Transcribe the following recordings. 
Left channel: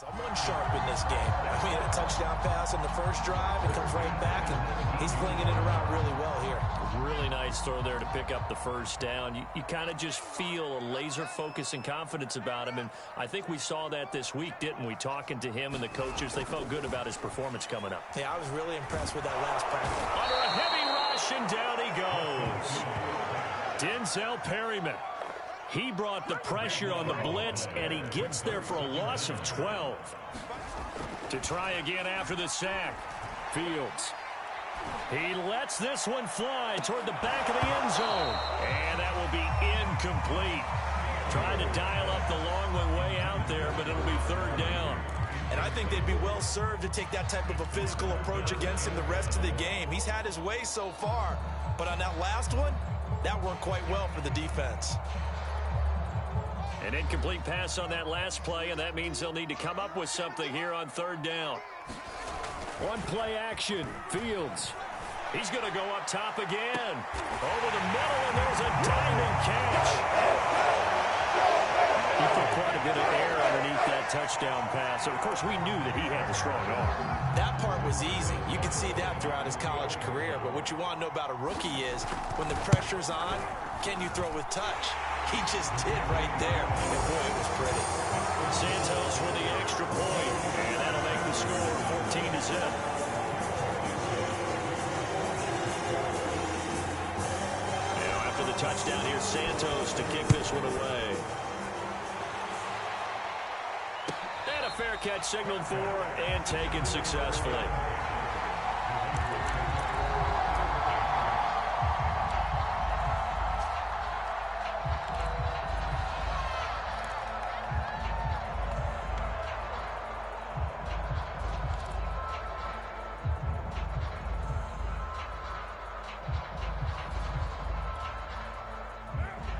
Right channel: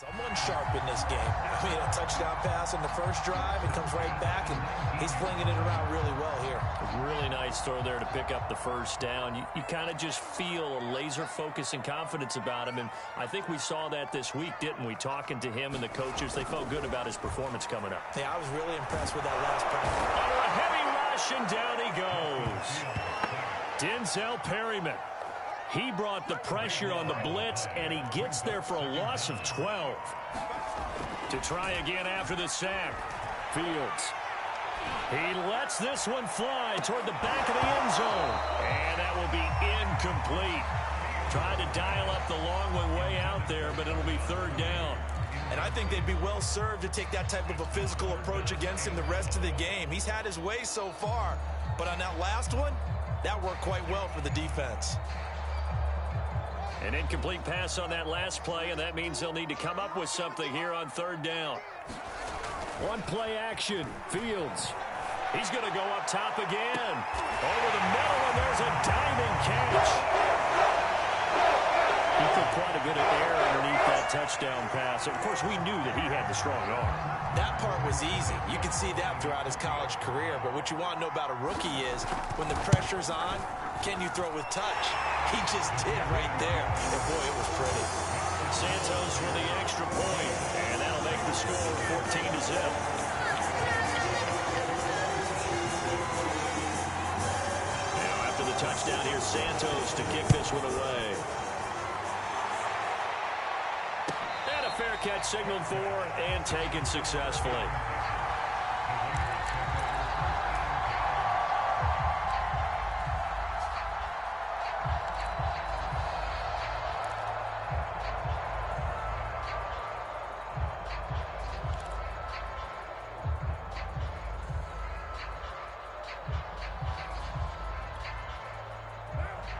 Someone sharp in this game. I mean, a touchdown pass on the first drive, and comes right back, and he's flinging it around really well here. Really nice throw there to pick up the first down. You kind of just feel a laser focus and confidence about him, and I think we saw that this week, didn't we? Talking to him and the coaches, they felt good about his performance coming up. Yeah, I was really impressed with that last practice. Under a heavy rush, and down he goes. Denzel Perryman. He brought the pressure on the blitz, and he gets there for a loss of 12. To try again after the sack, Fields. He lets this one fly toward the back of the end zone, and that will be incomplete. Trying to dial up the long one way out there, but it'll be third down. And I think they'd be well served to take that type of a physical approach against him the rest of the game. He's had his way so far, but on that last one, that worked quite well for the defense. An incomplete pass on that last play, and that means they'll need to come up with something here on third down. One play action. Fields. He's going to go up top again. Over the middle, and there's a diving catch. He put quite a bit of air underneath that touchdown pass. Of course, we knew that he had the strong arm. That part was easy. You could see that throughout his college career. But what you want to know about a rookie is when the pressure's on, can you throw with touch? He just did right there. And, boy, it was pretty. Santos for the extra point, and that'll make the score 14-0. Now, after the touchdown, here's Santos to kick this one away. And a fair catch signaled for and taken successfully.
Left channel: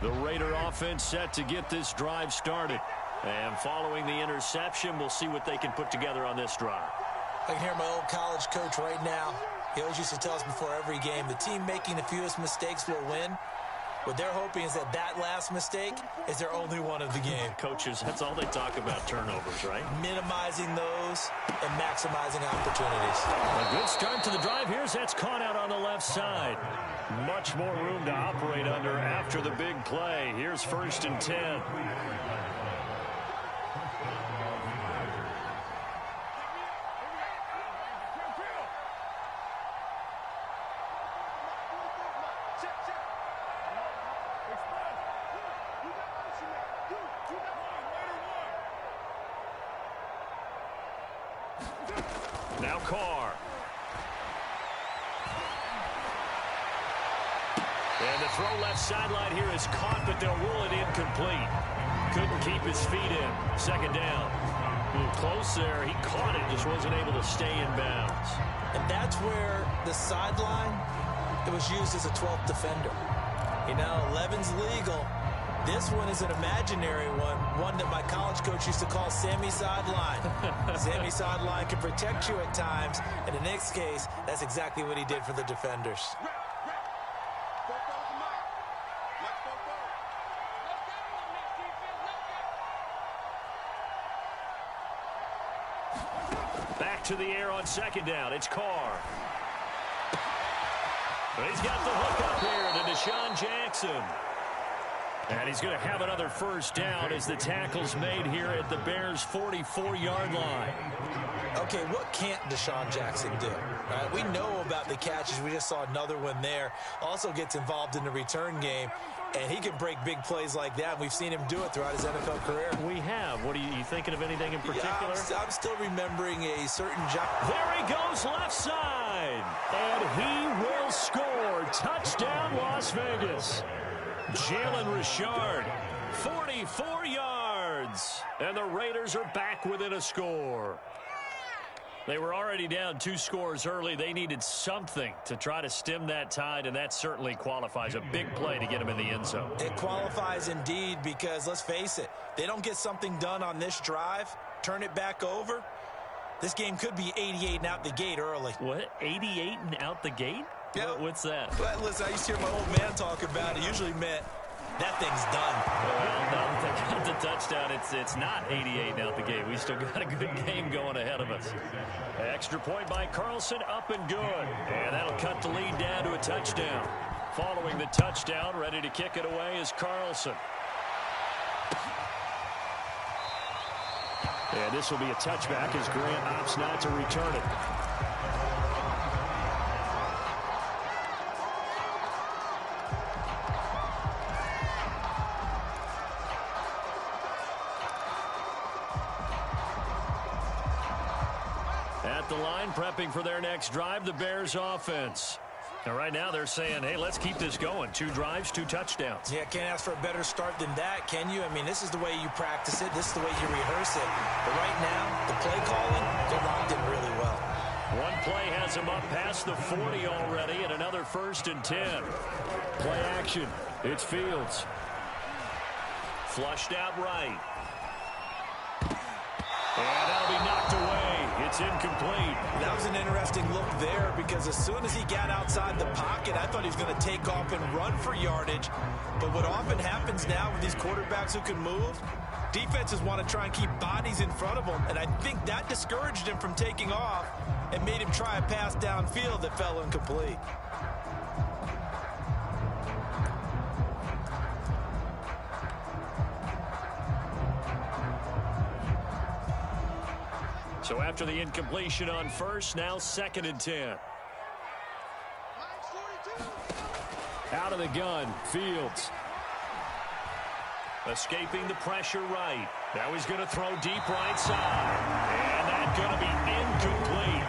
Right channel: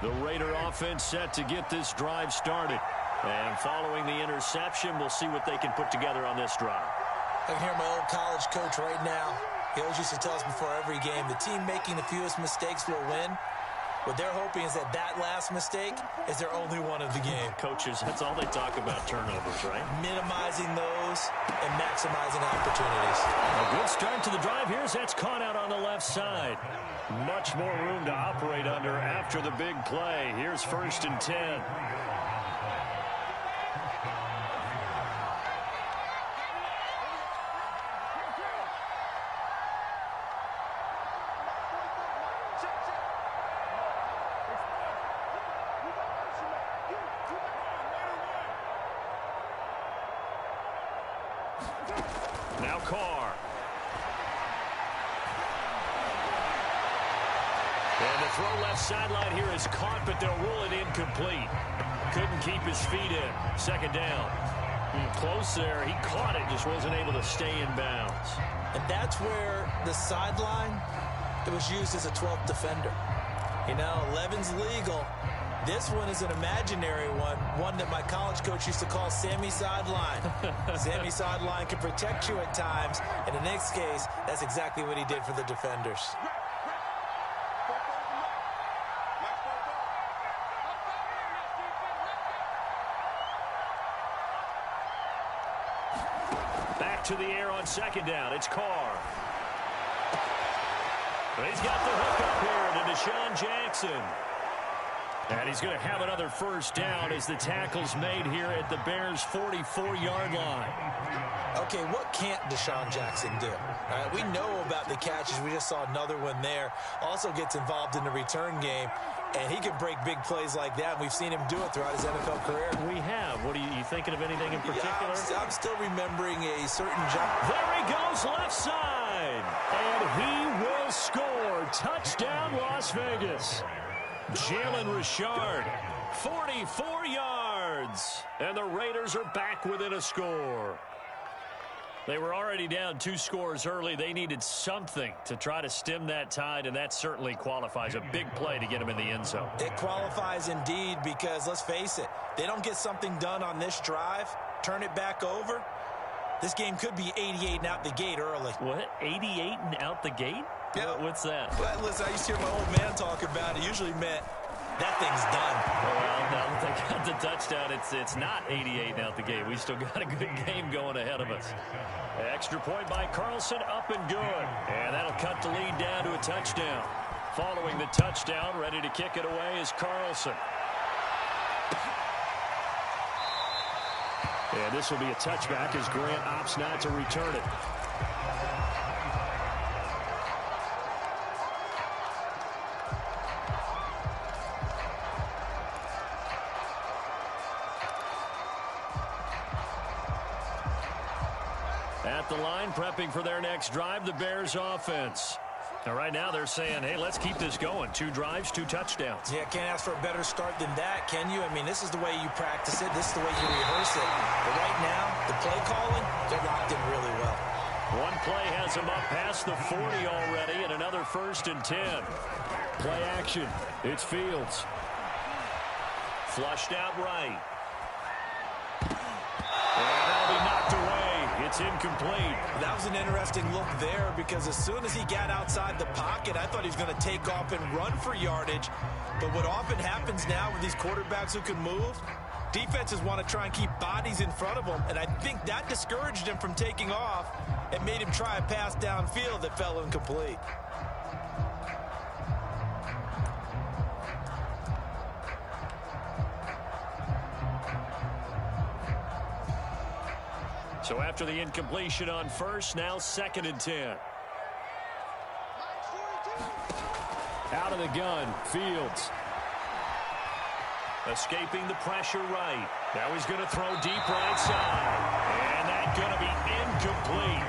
The Raider offense set to get this drive started. And following the interception, we'll see what they can put together on this drive. I can hear my old college coach right now. He always used to tell us before every game, the team making the fewest mistakes will win. What they're hoping is that that last mistake is their only one of the game. Coaches, that's all they talk about, turnovers, right? Minimizing those and maximizing opportunities. A good start to the drive here as that's caught out on the left side. Much more room to operate under after the big play. Here's 1st and 10. Now Carr. And the throw left sideline here is caught, but they'll rule it incomplete. Couldn't keep his feet in. 2nd down. Close there. He caught it, just wasn't able to stay in bounds. And that's where the sideline, it was used as a 12th defender. You know, 11's legal. This one is an imaginary one that my college coach used to call Sammy Sideline. Sammy Sideline can protect you at times, and in this case, that's exactly what he did for the defenders. Back to the air on 2nd down. It's Carr. He's got the hook up here to Deshaun Jackson. And he's going to have another 1st down as the tackle's made here at the Bears' 44-yard line. Okay, what can't Deshaun Jackson do? All right, we know about the catches. We just saw another one there. Also gets involved in the return game, and he can break big plays like that. We've seen him do it throughout his NFL career. We have. What are you thinking of anything in particular? Yeah, I'm still remembering a certain job. There he goes left side, and he will score. Touchdown, Las Vegas. Jalen Richard, 44 yards, and the Raiders are back within a score. They were already down 2 scores early. They needed something to try to stem that tide, and that certainly qualifies. A big play to get them in the end zone. It qualifies indeed because, let's face it, they don't get something done on this drive, turn it back over, this game could be 88 and out the gate early. What, 88 and out the gate? Yeah. What's that? Well, listen, I used to hear my old man talk about it. Usually meant that thing's done. Well, now that they got the touchdown, it's not 88 now at the game. We still got a good game going ahead of us. Extra point by Carlson, up and good. And that'll cut the lead down to a touchdown. Following the touchdown, ready to kick it away is Carlson. And this will be a touchback as Grant opts not to return it. At the line, prepping for their next drive, the Bears offense. Now, right now, they're saying, hey, let's keep this going. 2 drives, 2 touchdowns. Yeah, can't ask for a better start than that, can you? I mean, this is the way you practice it. This is the way you rehearse it. But right now, the play calling, they're locked in really well. One play has them up past the 40 already, and another 1st and 10. Play action. It's Fields. Flushed out right. And that'll be knocked away. It's incomplete. That was an interesting look there because as soon as he got outside the pocket, I thought he was going to take off and run for yardage. But what often happens now with these quarterbacks who can move, defenses want to try and keep bodies in front of them. And I think that discouraged him from taking off and made him try a pass downfield that fell incomplete. So after the incompletion on 1st, now 2nd and 10. Out of the gun, Fields. Escaping the pressure right. Now he's going to throw deep right side. And that's going to be incomplete.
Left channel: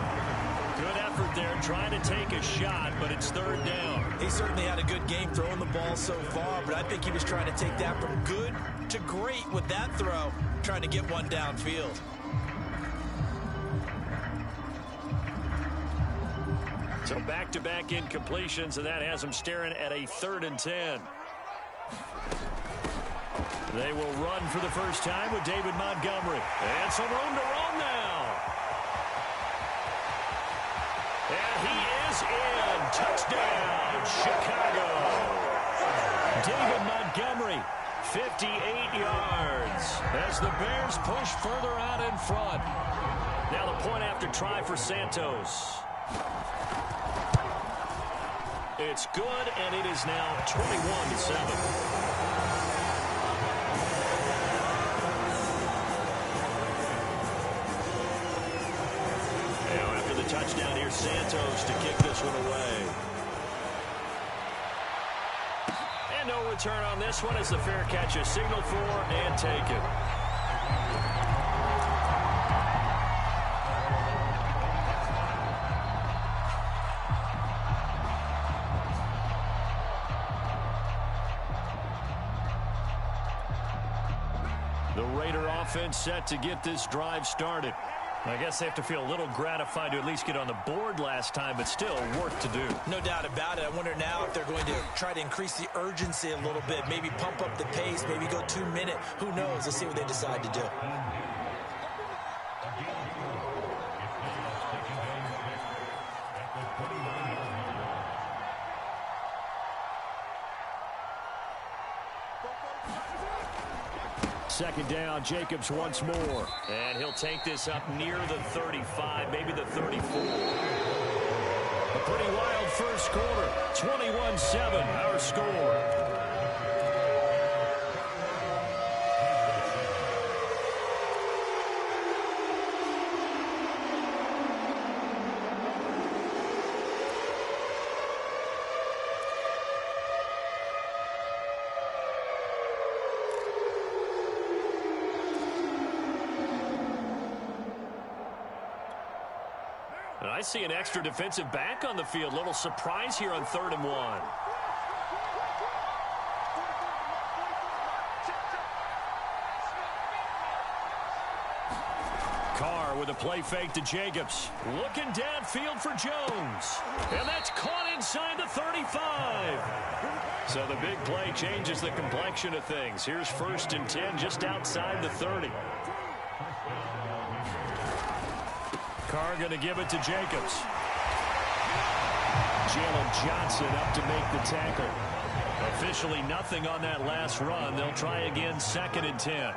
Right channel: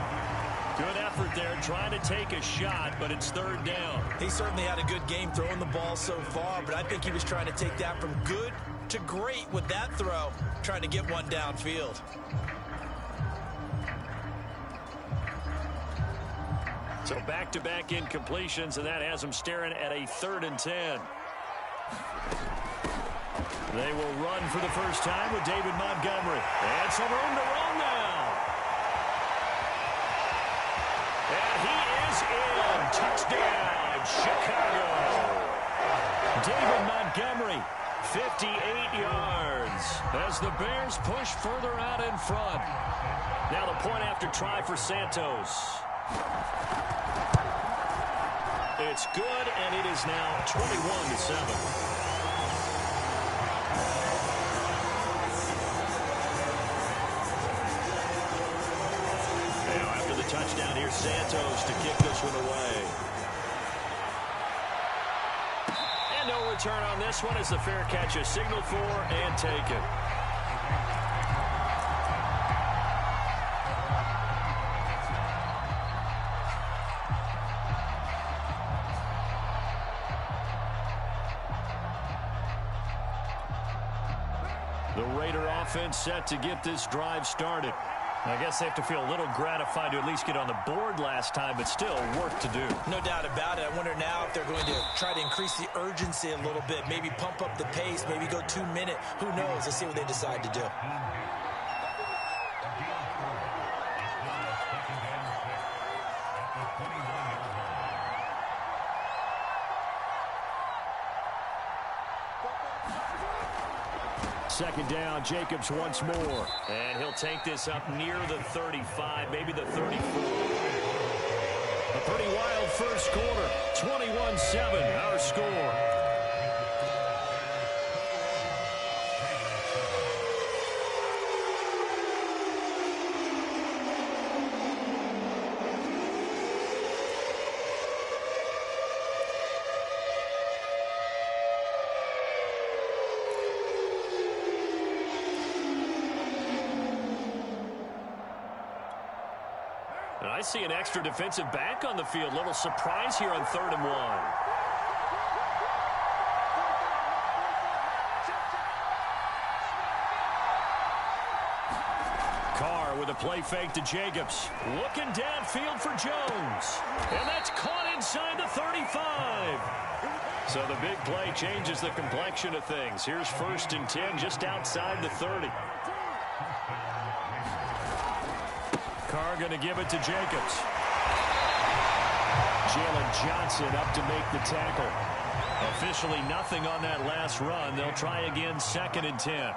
Good effort there, trying to take a shot, but it's 3rd down. He certainly had a good game throwing the ball so far, but I think he was trying to take that from good to great with that throw, trying to get one downfield. So back-to-back incompletions, and that has them staring at a 3rd and 10. They will run for the first time with David Montgomery. And some room to roam now. And he is in. Touchdown, Chicago. David Montgomery, 58 yards. As the Bears push further out in front. Now the point after try for Santos. It's good, and it is now 21-7. Now after the touchdown, here's Santos to kick this one away. And no return on this one as the fair catch is signaled for and taken. The Raider offense set to get this drive started. I guess they have to feel a little gratified to at least get on the board last time, but still work to do. No doubt about it. I wonder now if they're going to try to increase the urgency a little bit, maybe pump up the pace, maybe go 2-minute. Who knows? Let's see what they decide to do. Second down, Jacobs once more. And he'll take this up near the 35, maybe the 34. A pretty wild first quarter. 21-7, our score. And I see an extra defensive back on the field. Little surprise here on 3rd and 1. Carr with a play fake to Jacobs. Looking downfield for Jones. And that's caught inside the 35. So the big play changes the complexion of things. Here's 1st and 10 just outside the 30. Carr going to give it to Jacobs. Jalen Johnson up to make the tackle. Officially nothing on that last run. They'll try again, 2nd and 10.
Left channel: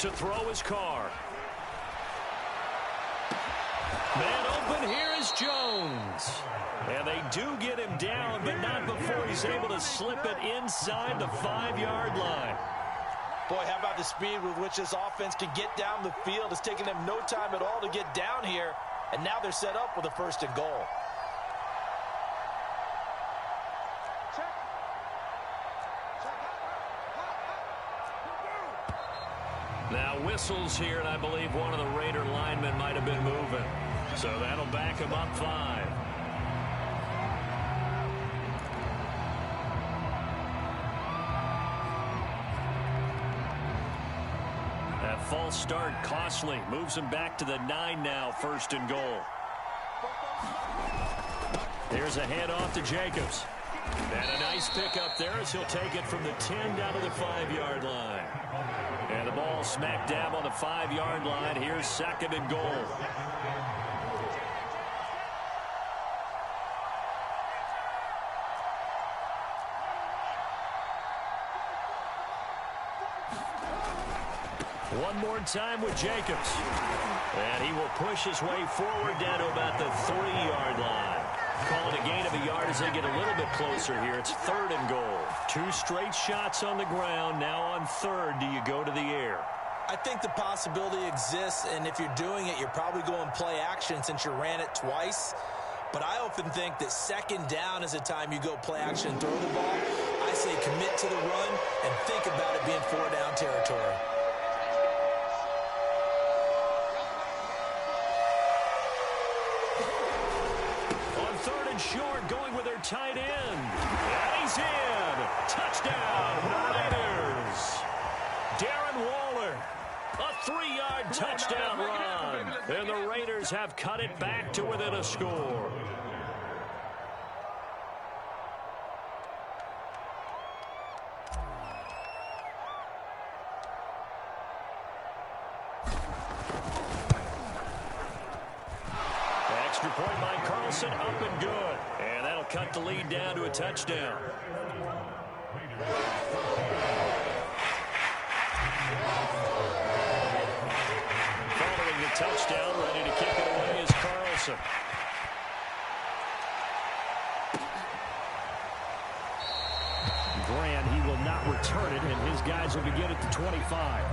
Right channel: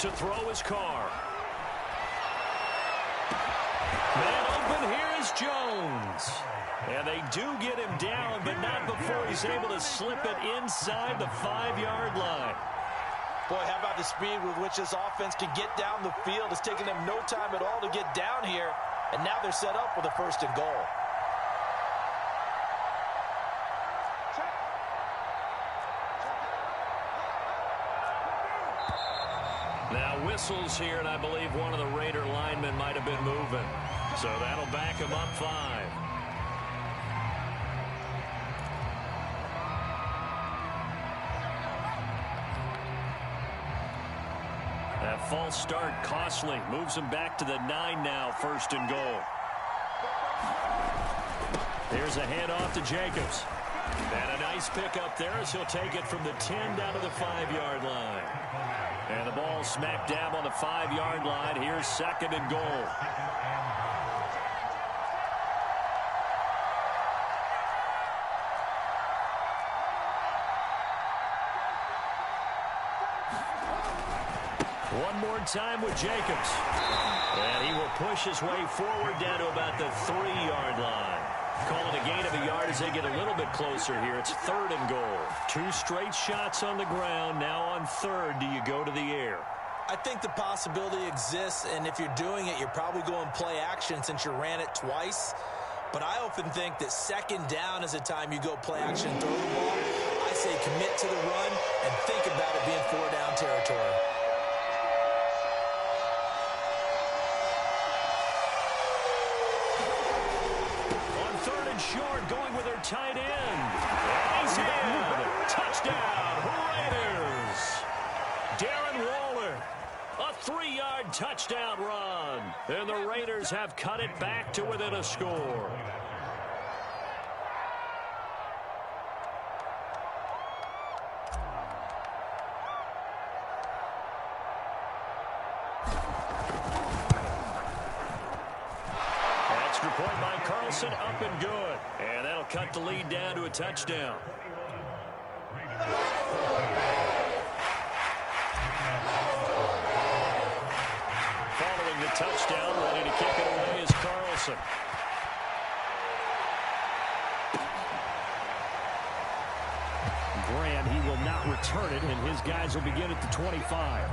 To throw his car. Man open, here is Jones. And they do get him down, but not before he's able to slip it inside the 5-yard line. Boy, how about the speed with which this offense can get down the field? It's taken them no time at all to get down here, and now they're set up with a 1st and goal. Now whistles here, and I believe one of the Raider linemen might have been moving. So that'll back him up 5. That false start costly. Moves him back to the 9 now, 1st and goal. Here's a handoff to Jacobs. And a nice pickup there as he'll take it from the 10 down to the 5-yard line. And the ball smack dab on the 5-yard line. Here's 2nd and goal. One more time with Jacobs. And he will push his way forward down to about the 3-yard line. Call it a gain of a yard as they get a little bit closer here. It's 3rd and goal. 2 straight shots on the ground. Now on 3rd, do you go to the air? I think the possibility exists, and if you're doing it, you're probably going play action since you ran it twice. But I often think that 2nd down is the time you go play action and throw the ball. I say commit to the run and think about it being 4-down territory. Short, going with their tight end. And he's in. Touchdown, Raiders. Darren Waller. A 3-yard touchdown run. And the Raiders have cut it back to within a score. Extra point by Carlson, up and good. And that'll cut the lead down to a touchdown. Following the touchdown, ready to kick it away is Carlson. Grant, he will not return it, and his guys will begin at the 25.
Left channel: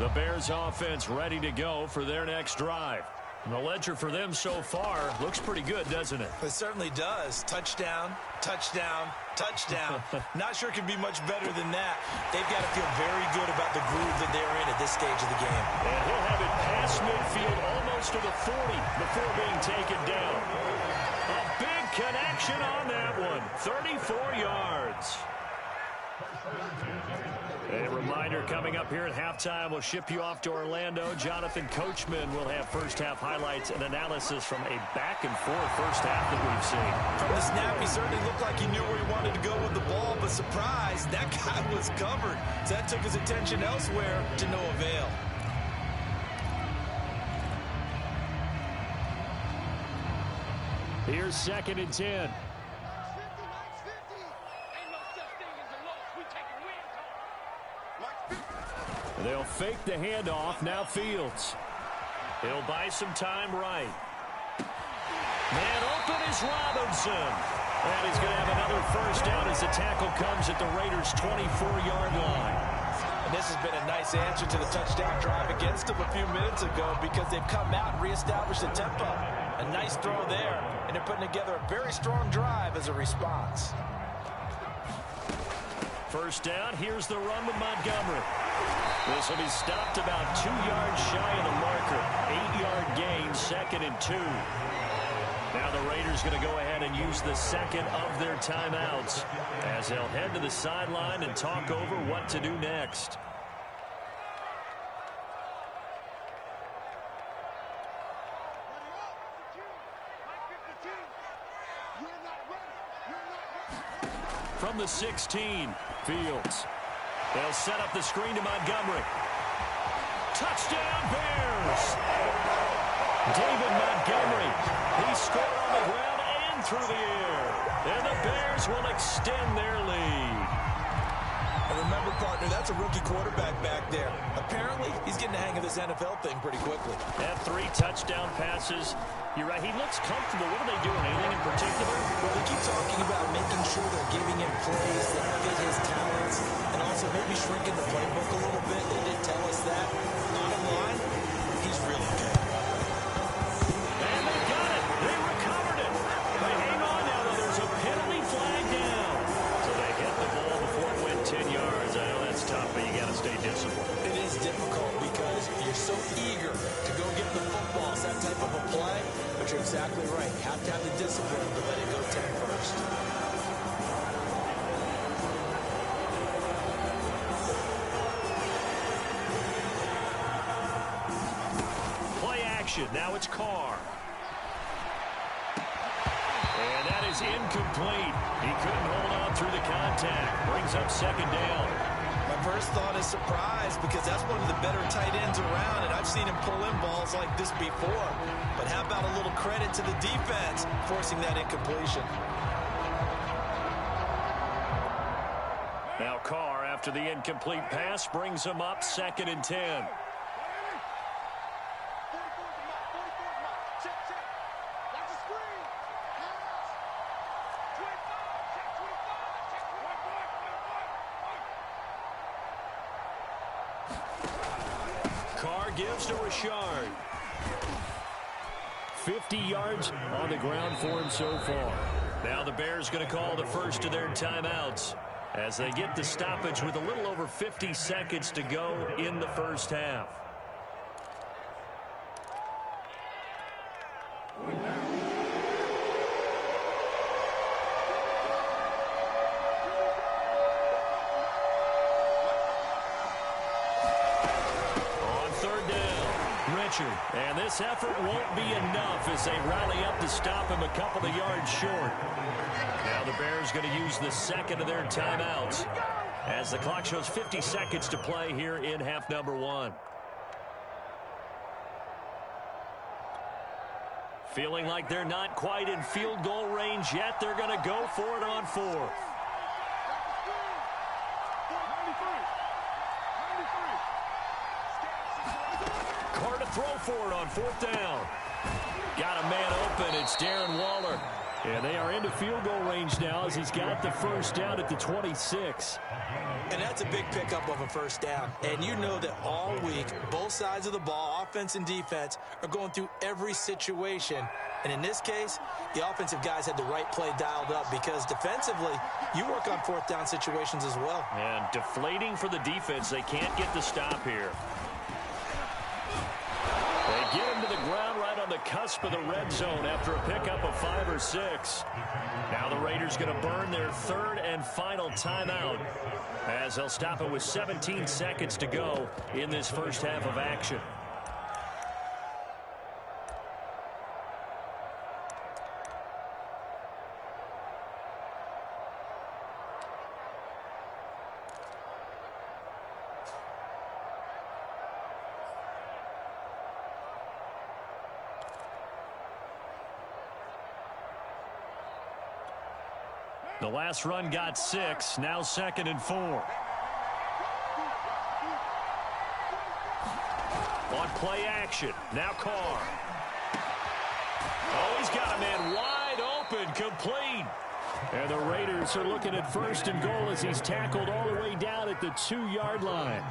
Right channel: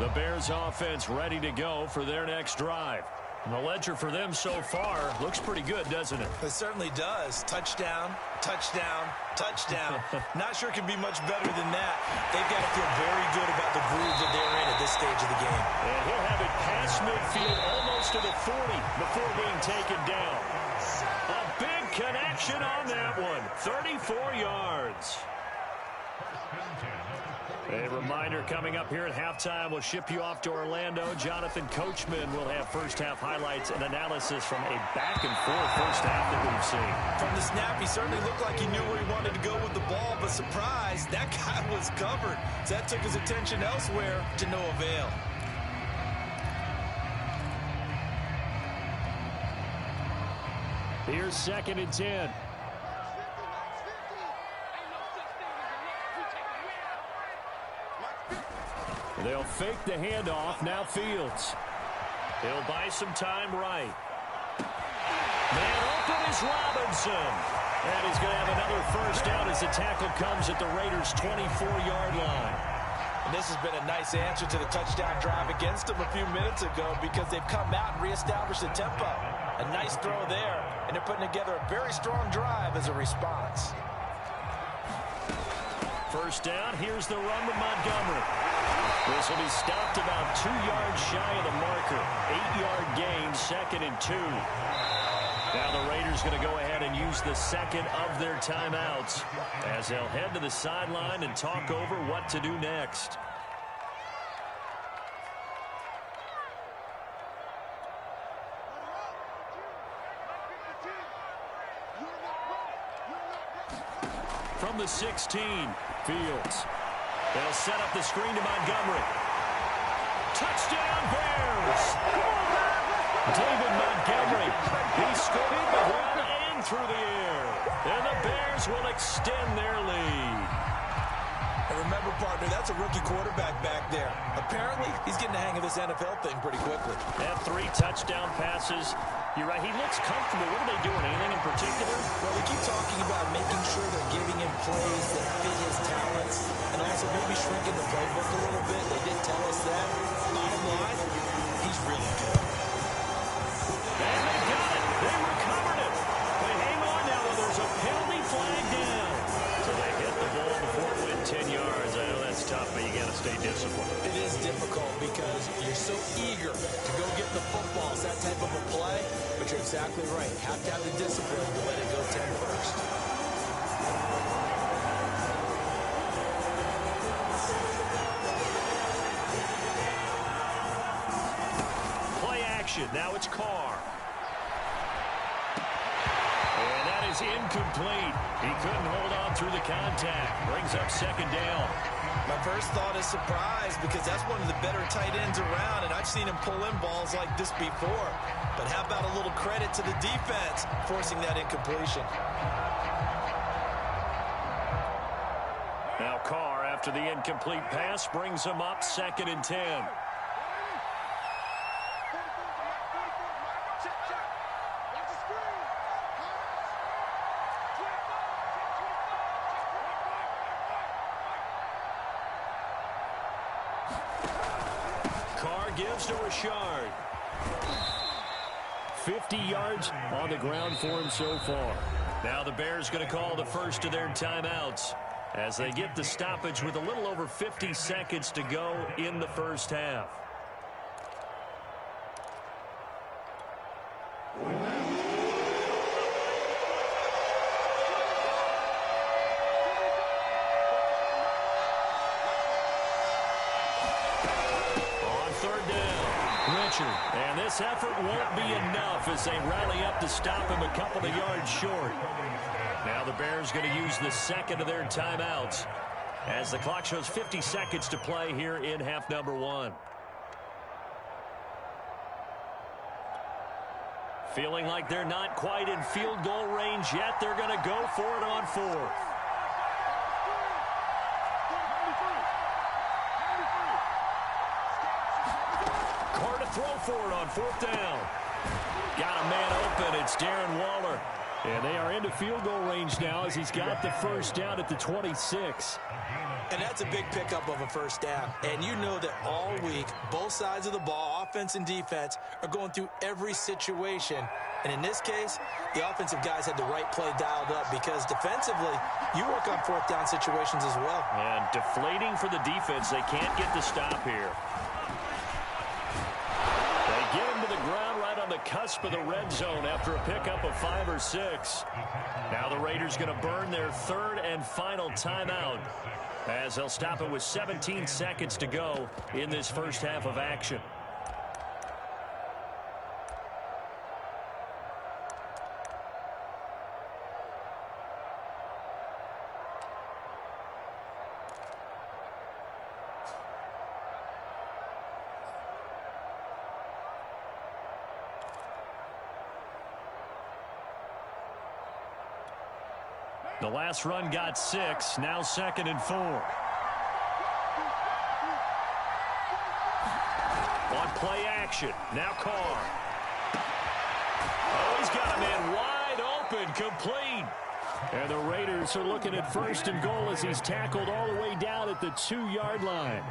The Bears offense ready to go for their next drive. And the ledger for them so far looks pretty good, doesn't it? It certainly does. Touchdown, touchdown, touchdown. Not sure it can be much better than that. They've got to feel very good about the groove that they're in at this stage of the game. And he'll have it past midfield almost to the 40 before being taken down. A big connection on that one. 34 yards. A reminder coming up here at halftime. We'll ship you off to Orlando. Jonathan Coachman will have first-half highlights and analysis from a back-and-forth first half that we've seen. From the snap, he certainly looked like he knew where he wanted to go with the ball, but surprise, that guy was covered. So that took his attention elsewhere to no avail. Here's 2nd and 10. They'll fake the handoff. Now Fields. He'll buy some time right. Man open is Robinson. And he's going to have another first down as the tackle comes at the Raiders' 24-yard line. And this has been a nice answer to the touchdown drive against them a few minutes ago because they've come out and reestablished the tempo. A nice throw there, and they're putting together a very strong drive as a response. First down, here's the run with Montgomery. This will be stopped about 2 yards shy of the marker. 8-yard gain, 2nd and 2. Now the Raiders going to go ahead and use the second of their timeouts as they'll head to the sideline and talk over what to do next. From the 16, Fields. They'll set up the screen to Montgomery. Touchdown, Bears! David Montgomery. He scored on the ground and through the air. And the Bears will extend their lead. And remember, partner, that's a rookie quarterback back there. Apparently, he's getting the hang of this NFL thing pretty quickly. Had 3 touchdown passes. You're right, he looks comfortable. What are they doing? Anything in particular? Well, we keep talking about making sure they're giving him plays that fit his talents and also maybe shrinking the playbook a little bit. They did tell us that. Bottom line, he's really good. And they've got it. They recovered it. But hang on now, though. There's a penalty flag down. So they hit the ball before it went 10 yards. I know that's tough, but you got to stay disciplined. It is difficult because you're so eager to go get the football. It's that type of a play, but you're exactly right. You have to have the discipline to let it go 10 first. Play action. Now it's Carr. And that is incomplete. He couldn't hold on through the contact. Brings up 2nd down. My first thought is surprise because that's one of the better tight ends around, and I've seen him pull in balls like this before. But how about a little credit to the defense forcing that incompletion? Now Carr, after the incomplete pass, brings him up 2nd and 10. Carr gives to Richard. 50 yards on the ground for him so far. Now the Bears going to call the first of their timeouts as they get the stoppage with a little over 50 seconds to go in the first half. And this effort won't be enough as they rally up to stop him a couple of yards short. Now the Bears going to use the second of their timeouts as the clock shows 50 seconds to play here in half number 1. Feeling like they're not quite in field goal range yet. They're going to go for it on 4th. Carr to throw for it on 4th down. Got a man open. It's Darren Waller. And they are into field goal range now as he's got the first down at the 26. And that's a big pickup of a first down. And you know that all week, both sides of the ball, offense and defense, are going through every situation. And in this case, the offensive guys had the right play dialed up because defensively, you work on 4th down situations as well. And deflating for the defense. They can't get the stop here. They get him to the ground right on the cusp of the red zone after a pickup of 5 or 6. Now the Raiders going to burn their 3rd and final timeout as they'll stop it with 17 seconds to go in this first half of action. The last run got 6. Now 2nd and 4. On play action. Now Carr. Oh, he's got a man wide open. Complete. And the Raiders are looking at 1st and goal as he's tackled all the way down at the 2-yard line.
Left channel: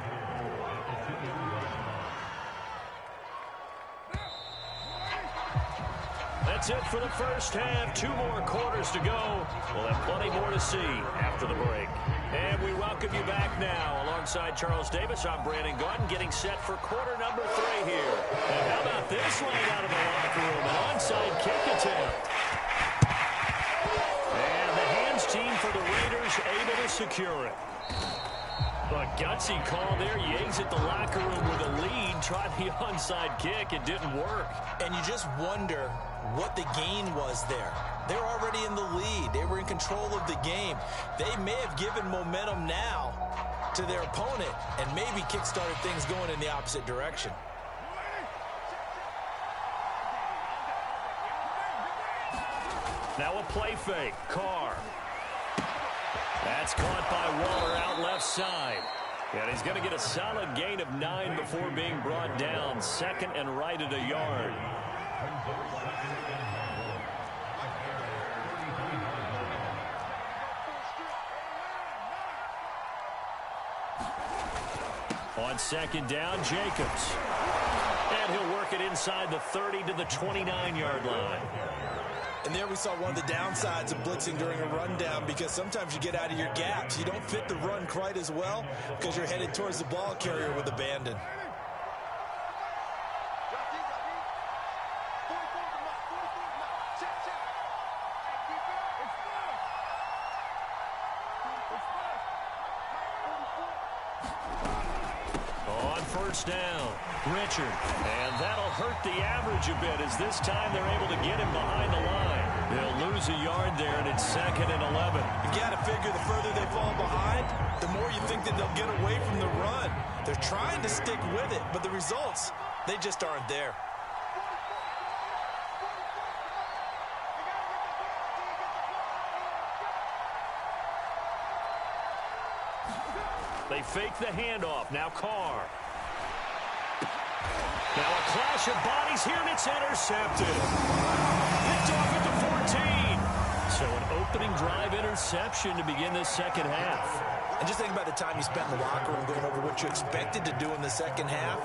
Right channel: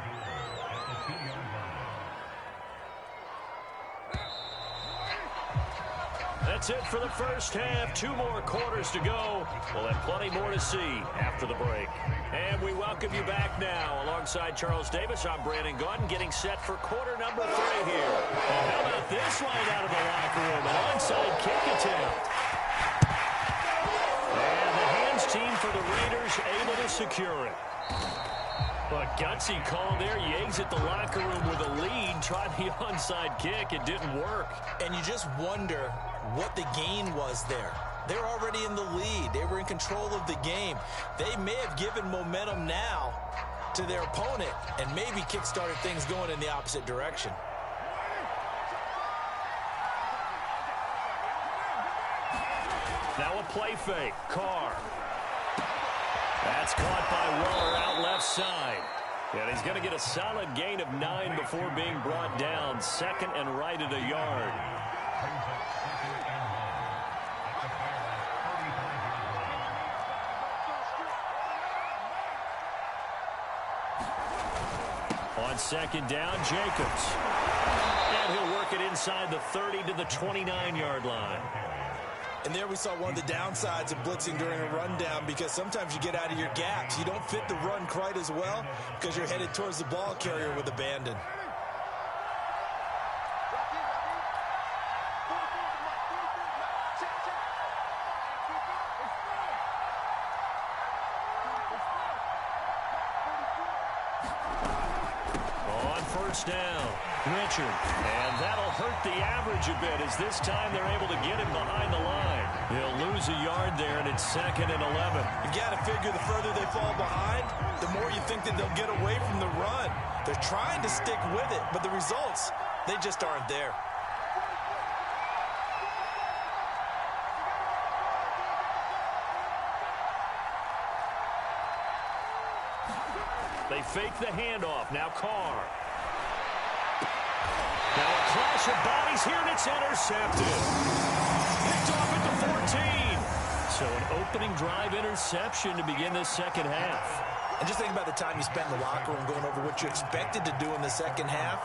That's it for the first half. 2 more quarters to go. We'll have plenty more to see after the break. And we welcome you back now. Alongside Charles Davis, I'm Brandon Gaudin, getting set for quarter number 3 here. And how about this line out of the locker room? An onside kick attempt. And the hands team for the Raiders able to secure it. A gutsy call there. You exit the locker room with a lead. Tried the onside kick. It didn't work. And you just wonder what the gain was there. They're already in the lead. They were in control of the game. They may have given momentum now to their opponent and maybe kick-started things going in the opposite direction. Now a play fake. Carr. That's caught by Waller out left side. And he's going to get a solid gain of 9 before being brought down. Second and right at a yard. On second down, Jacobs. And he'll work it inside the 30 to the 29-yard line. And there we saw one of the downsides of blitzing during a rundown, because sometimes you get out of your gaps. You don't fit the run quite as well because you're headed towards the ball carrier with abandon. On first down, Richard. And that'll hurt the average a bit, as this time they're able to get him behind the line. They'll lose a yard there, and it's 2nd and 11. You've got to figure the further they fall behind, the more you think that they'll get away from the run. They're trying to stick with it, but the results, they just aren't there. They fake the handoff. Now Carr. Now a clash of bodies here, and it's intercepted. Picked off at the 14. So an opening drive interception to begin this second half. And just think about the time you spent in the locker room going over what you expected to do in the second half.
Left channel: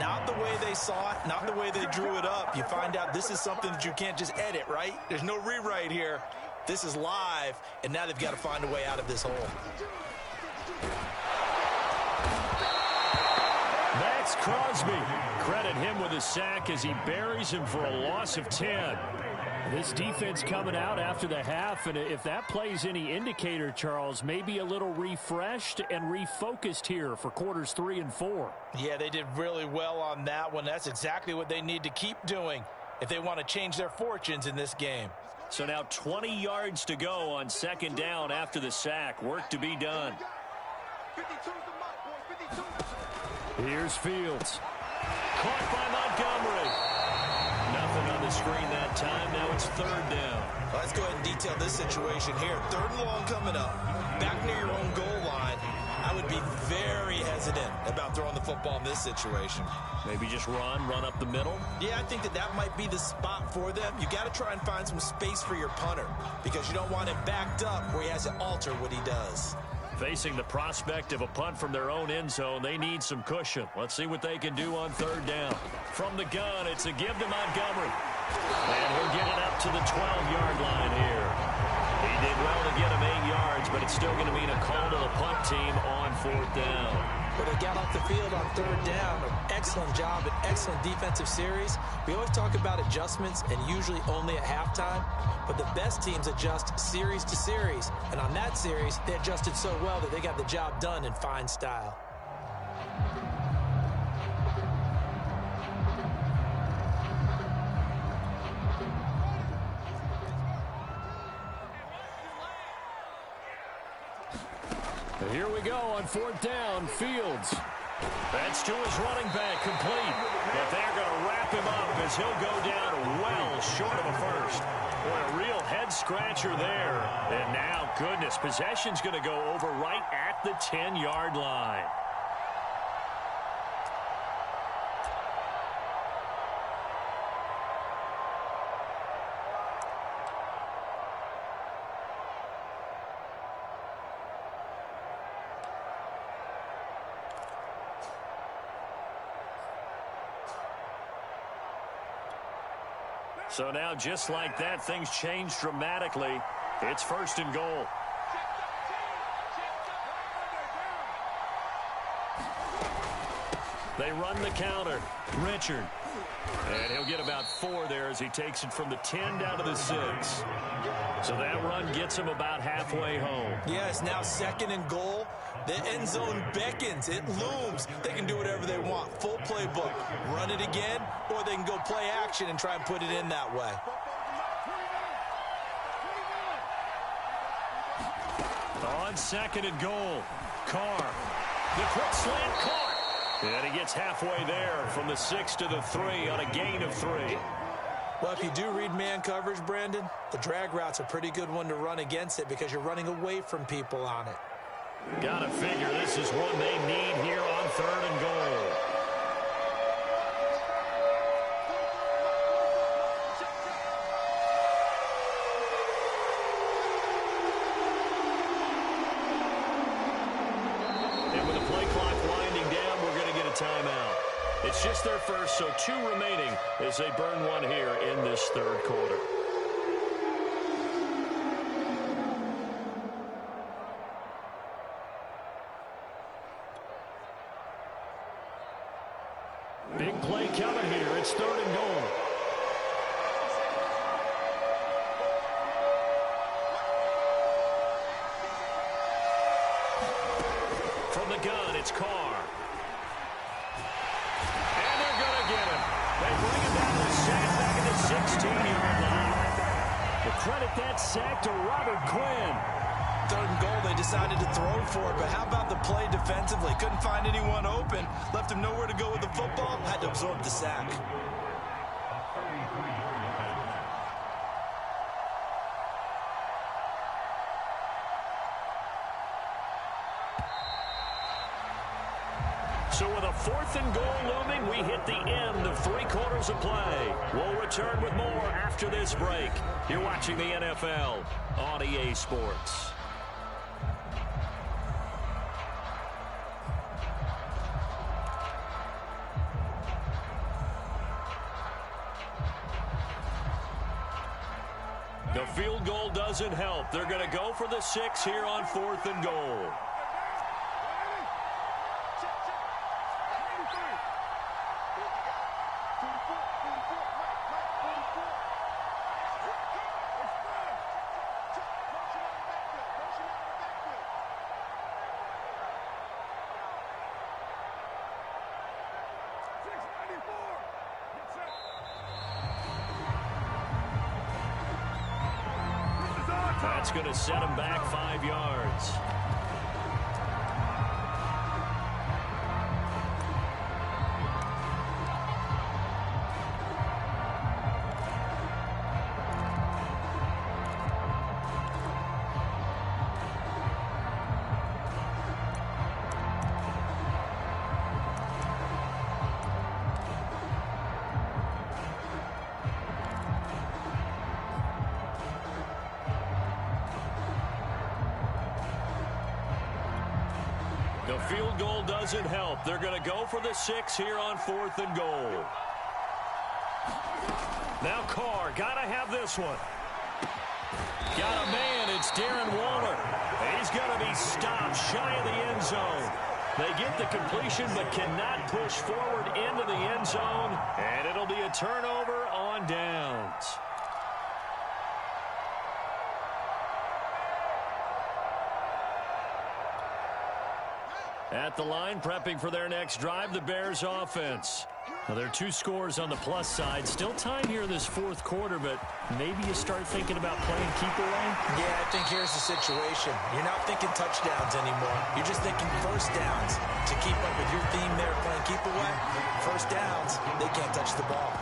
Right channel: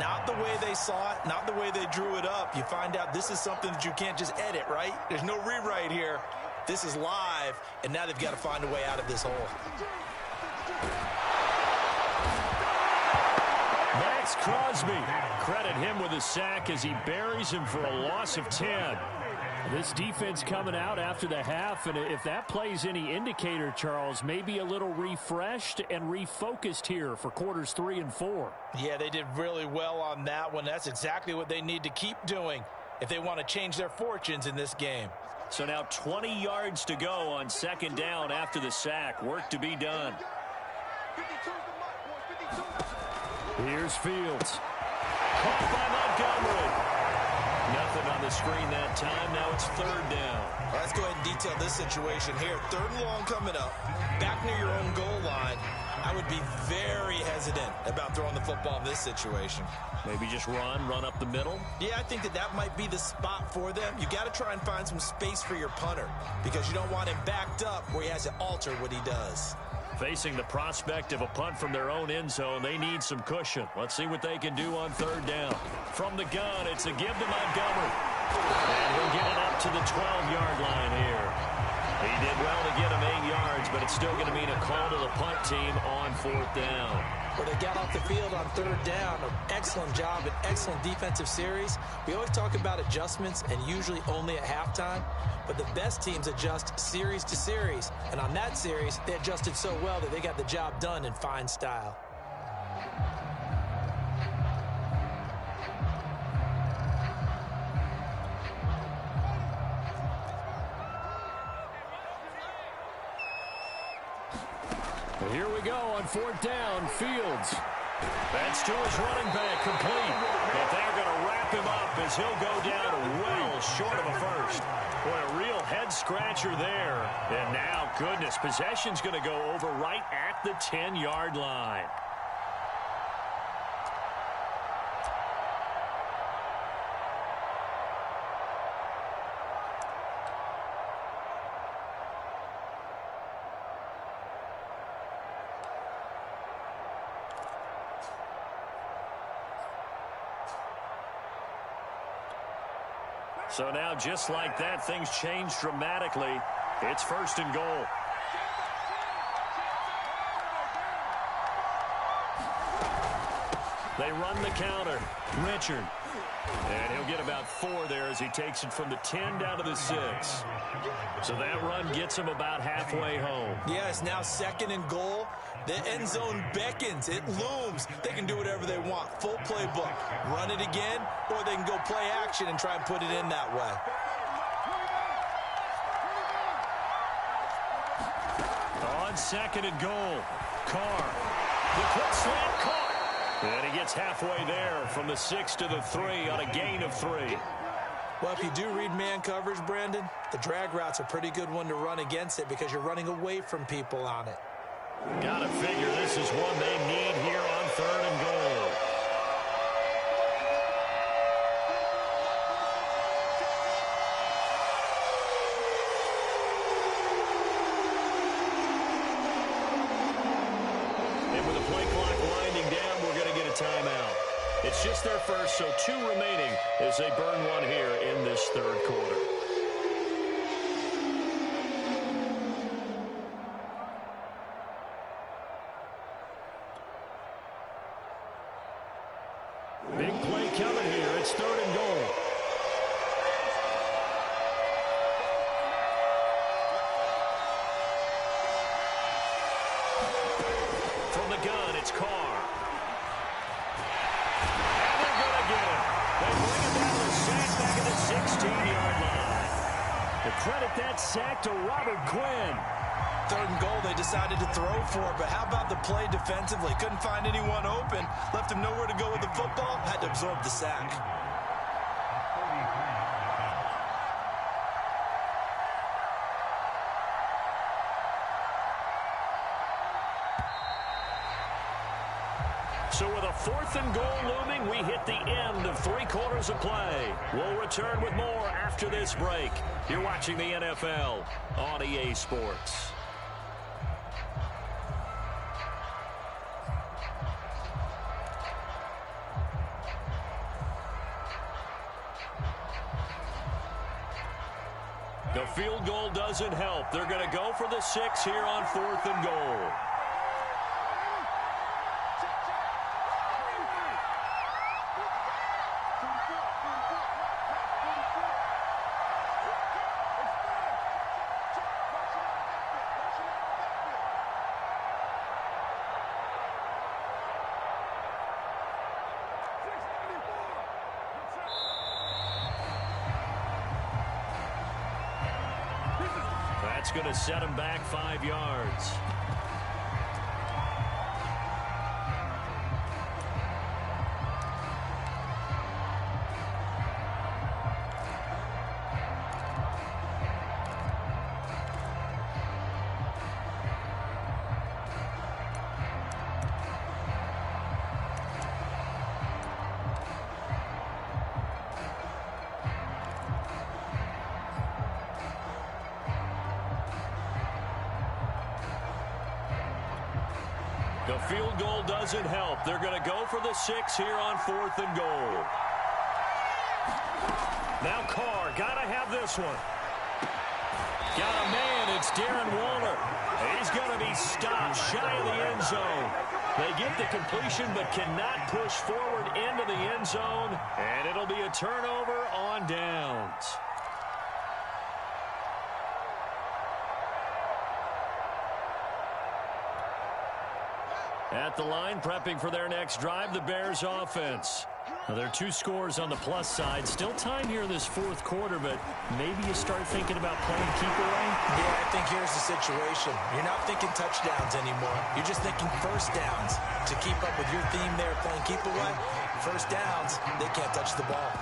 Not the way they saw it, not the way they drew it up. You find out this is something that you can't just edit, right? There's no rewrite here. This is live, and now they've got to find a way out of this hole. Max Crosby. Credit him with a sack as he buries him for a loss of 10. This defense coming out after the half, and if that plays any indicator, Charles, maybe a little refreshed and refocused here for quarters 3 and 4. Yeah, they did really well on that one. That's exactly what they need to keep doing if they want to change their fortunes in this game. So now 20 yards to go on second down after the sack. Work to be done. Here's Fields. Caught by Montgomery. Nothing on the screen that time. Now it's third down. Well, let's go ahead and detail this situation here. 3rd and long coming up. Back near your own goal line. I would be very hesitant about throwing the football in this situation. Maybe just run up the middle? Yeah, I think that might be the spot for them. You got to try and find some space for your punter, because you don't want him backed up where he has to alter what he does. Facing the prospect of a punt from their own end zone, they need some cushion. Let's see what they can do on third down. From the gun, it's a give to Montgomery. And he'll get it up to the 12-yard line here. He did well to get him 8 yards, but it's still going to mean a call to the punt team on 4th down. Where they got off the field on 3rd down, an excellent job, an excellent defensive series. We always talk about adjustments, and usually only at halftime. But the best teams adjust series to series. And on that series, they adjusted so well that they got the job done in fine style. Here we go on 4th down. Fields. That's to his running back, complete. But they're going to wrap him up as he'll go down well short of a first. Boy, a real head-scratcher there. And now, goodness, possession's going to go over right at the 10-yard line. So now, just like that, things change dramatically. It's 1st and goal. They run the counter. Richard. And he'll get about 4 there as he takes it from the 10 down to the 6. So that run gets him about halfway home. Yeah, it's now 2nd and goal. The end zone beckons. It looms. They can do whatever they want. Full playbook. Run it again, or they can go play action and try and put it in that way. On 2nd and goal, Carr. The quick slant caught. And he gets halfway there from the 6 to the 3 on a gain of 3. Well, if you do read man coverage, Brandon, the drag route's a pretty good one to run against it because you're running away from people on it. Gotta figure this is one they need here on 3rd and goal. And with the play clock winding down, we're going to get a timeout. It's just their first, so 2 remaining as they burn one here in this 3rd quarter. Big play coming here. It's 3rd and goal. From the gun, it's Carr. And they're going to get him. They bring him down to the sack back at the 16-yard line. To credit that sack to Robert Quinn. 3rd and goal, they decided to throw for it, but how about the play defensively? Couldn't find anyone open, left him nowhere to go with the football, had to absorb the sack. So with a 4th and goal looming, we hit the end of 3 quarters of play. We'll return with more after this break. You're watching the NFL on EA Sports. The field goal doesn't help. They're going to go for the 6 here on 4th and goal. That's going to set him back 5 yards. The field goal doesn't help. They're going to go for the 6 here on 4th and goal. Now Carr, got to have this one. Got a man, it's Darren Waller. He's going to be stopped shy of the end zone. They get the completion but cannot push forward into the end zone, and it'll be a turnover on downs. At the line, prepping for their next drive, the Bears offense. Now, there are 2 scores on the plus side. Still time here in this 4th quarter, but maybe you start thinking about playing keep away? Yeah, I think here's the situation. You're not thinking touchdowns anymore. You're just thinking first downs. To keep up with your theme there, playing keep away, first downs, they can't touch the ball.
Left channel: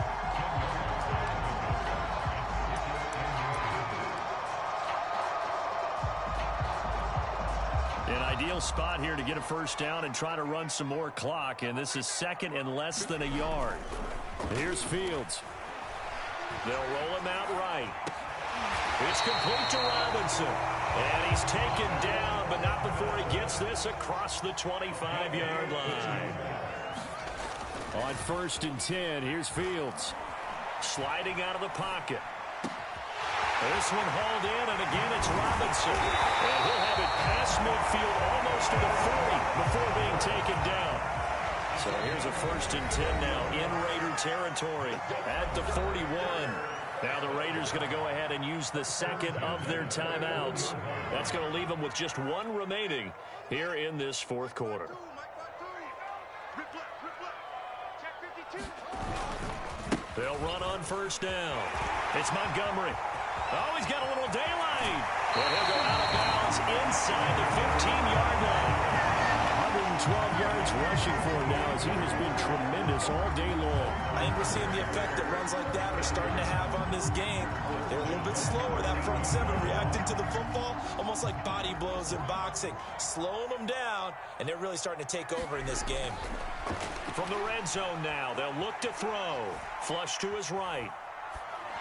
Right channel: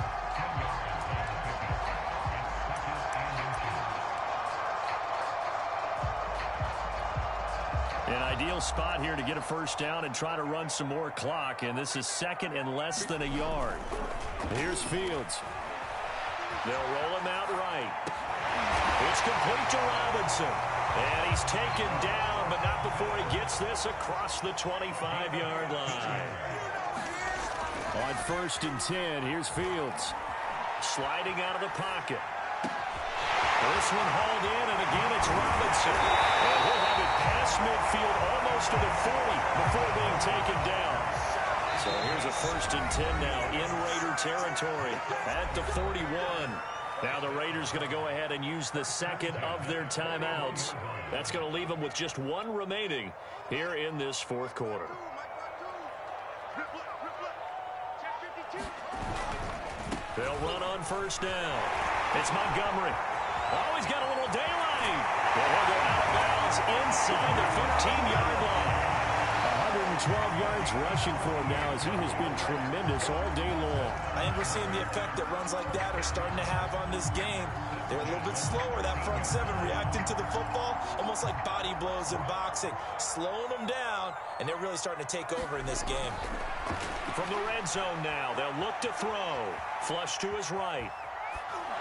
An ideal spot here to get a first down and try to run some more clock, and this is 2nd and less than a yard. Here's Fields. They'll roll him out right. It's complete to Robinson, and he's taken down, but not before he gets this across the 25-yard line. On 1st and 10, here's Fields. Sliding out of the pocket. This one hauled in, and again it's Robinson. And he'll have it past midfield almost to the 40 before being taken down. So here's a 1st and 10 now in Raider territory at the 41. Now the Raiders going to go ahead and use the second of their timeouts. That's going to leave them with just one remaining here in this fourth quarter. They'll run on 1st down. It's Montgomery. Oh, he's got a little daylight. And he'll go out of bounds inside the 15-yard line. 112 yards rushing for him now as he has been tremendous all day long. I think we're seeing the effect that runs like that are starting to have on this game. They're a little bit slower, that front seven, reacting to the football, almost like body blows in boxing, slowing them down, and they're really starting to take over in this game. From the red zone now, they'll look to throw. Flush to his right.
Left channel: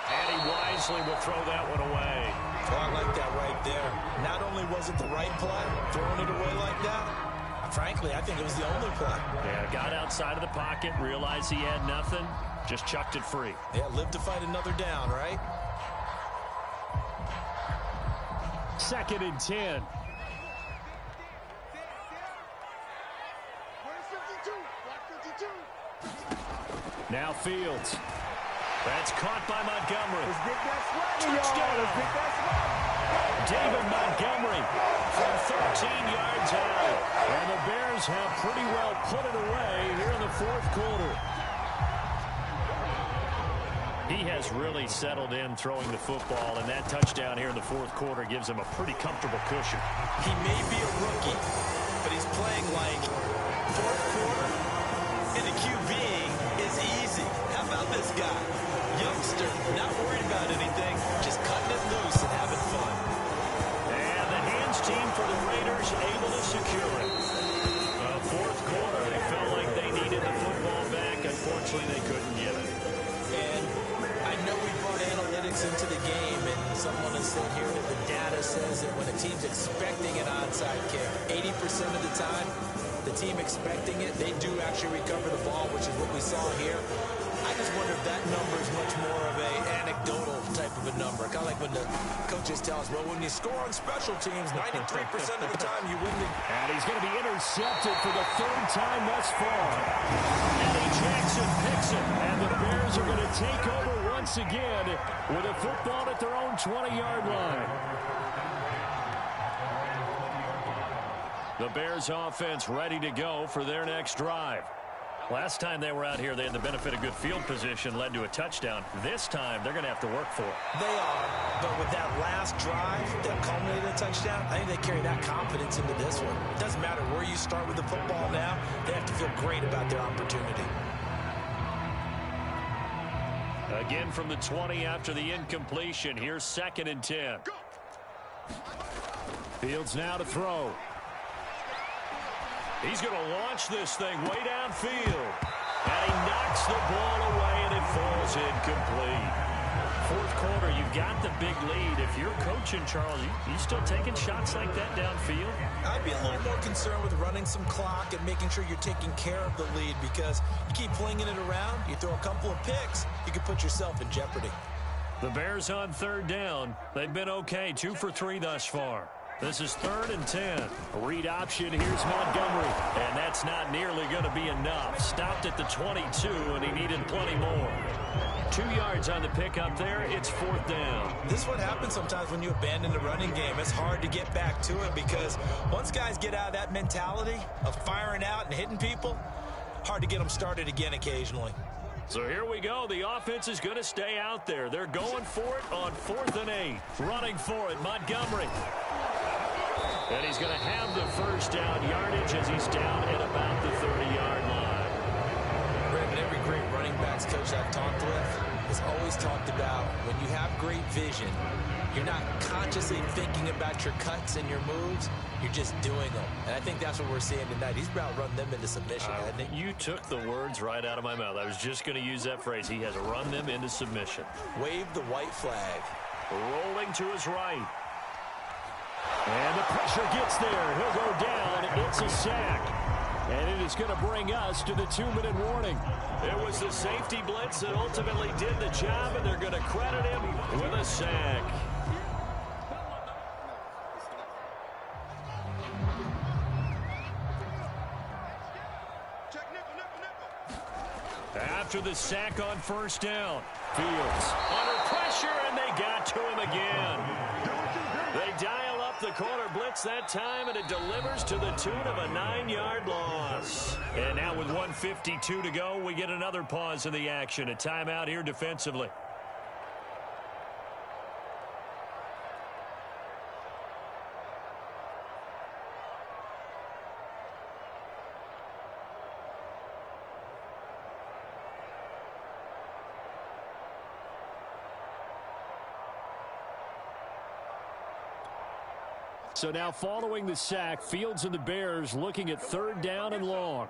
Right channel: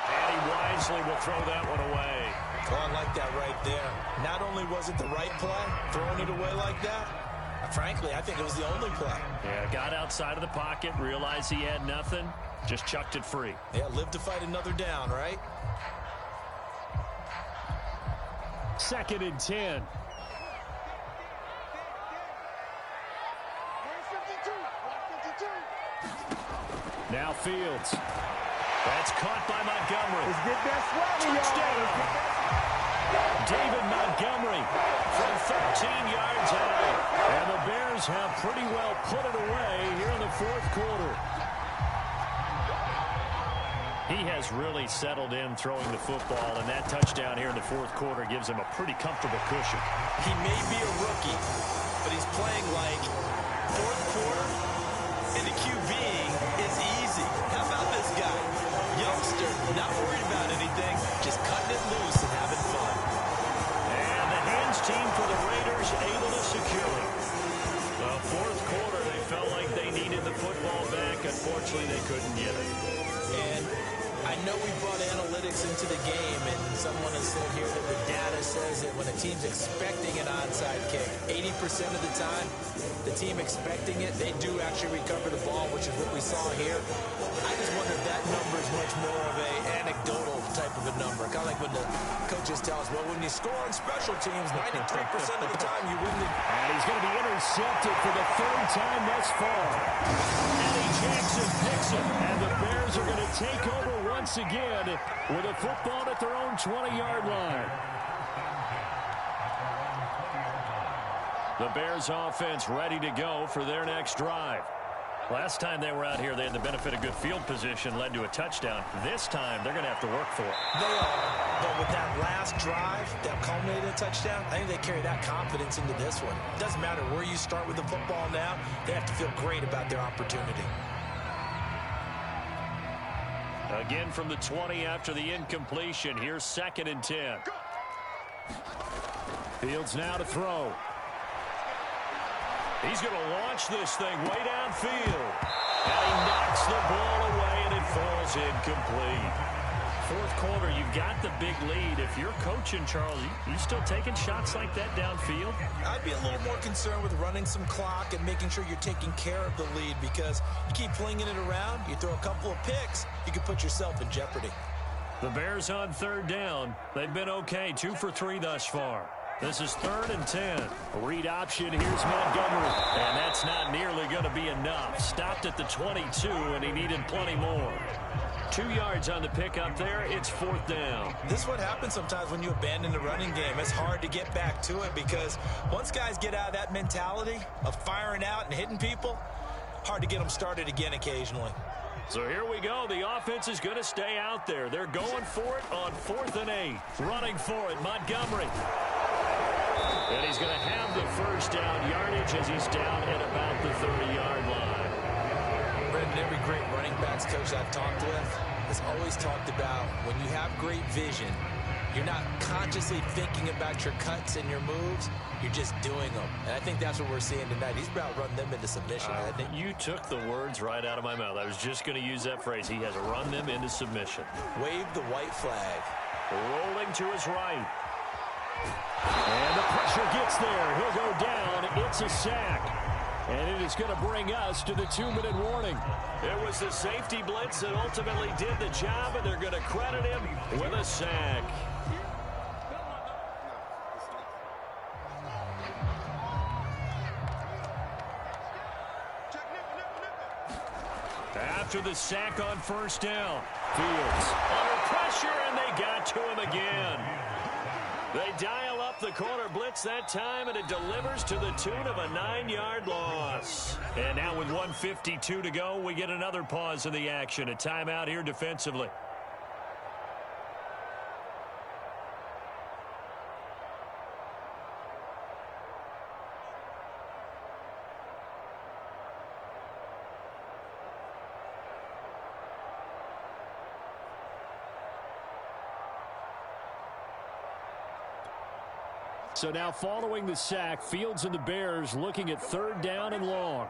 And he wisely will throw that one away. Oh, I like that right there. Not only was it the right play, throwing it away like that, frankly, I think it was the only play. Yeah, got outside of the pocket, realized he had nothing, just chucked it free. Yeah, live to fight another down, right? 2nd and 10. Now Fields. That's caught by Montgomery. Let's get that swagger, Touchdown. y'all. Let's get that swagger. David Montgomery from 13 yards out. And the Bears have pretty well put it away here in the fourth quarter. He has really settled in throwing the football, and that touchdown here in the fourth quarter gives him a pretty comfortable cushion. He may be a rookie, but he's playing like fourth quarter, and the QBing is easy. How about this guy? Youngster, not worried about anything, just cutting it loose and having fun. And the hands team for the Raiders able to secure it. The fourth quarter, they felt like they needed the football back. Unfortunately, they couldn't get it. And I know we brought analytics into the game, and someone has said here that the data says that when a team's expecting an onside kick, 80% of the time, the team expecting it, they do actually recover the ball, which is what we saw here. I just wonder if that number is much more of a anecdotal type of a number. Kind of like when the coaches tell us, well, when you score on special teams, 93% of the time you win the... And he's going to be intercepted for the 3rd time thus far. Eddie Jackson picks it, and the Bears are going to take over once again with a football at their own 20-yard line. The Bears offense ready to go for their next drive. Last time they were out here, they had the benefit of good field position, led to a touchdown. This time, they're going to have to work for it. They are, but with that last drive that culminated in a touchdown, I think they carry that confidence into this one. It doesn't matter where you start with the football now. They have to feel great about their opportunity. Again from the 20 after the incompletion. Here's 2nd and 10. Fields now to throw. He's going to launch this thing way downfield. And he knocks the ball away, and it falls incomplete. Fourth quarter, you've got the big lead. If you're coaching, Charles, you still taking shots like that downfield? I'd be a little more concerned with running some clock and making sure you're taking care of the lead, because you keep flinging it around, you throw a couple of picks, you could put yourself in jeopardy. The Bears on 3rd down. They've been okay, 2 for 3 thus far. This is 3rd and 10. Read option. Here's Montgomery. And that's not nearly going to be enough. Stopped at the 22, and he needed plenty more. 2 yards on the pickup there. It's 4th down. This is what happens sometimes when you abandon the running game. It's hard to get back to it, because once guys get out of that mentality of firing out and hitting people, hard to get them started again occasionally. So here we go. The offense is going to stay out there. They're going for it on 4th and 8. Running for it, Montgomery. And he's going to have the first down yardage as he's down at about the 30-yard line. Brendan, every great running backs coach I've talked with has always talked about when you have great vision, you're not consciously thinking about your cuts and your moves. You're just doing them. And I think that's what we're seeing tonight. He's about run them into submission, hasn't he? You took the words right out of my mouth. I was just going to use that phrase. He has run them into submission. Wave the white flag. Rolling to his right. And the pressure gets there. He'll go down. It's a sack. And it is going to bring us to the 2-minute warning. It was the safety blitz that ultimately did the job, and they're going to credit him with a sack. after the sack on first down. Fields under pressure, and they got to him again. They dial up the corner blitz that time, and it delivers to the tune of a 9-yard loss. And now with 1:52 to go, we get another pause in the action. A timeout here defensively. So now following the sack, Fields and the Bears looking at 3rd down and long.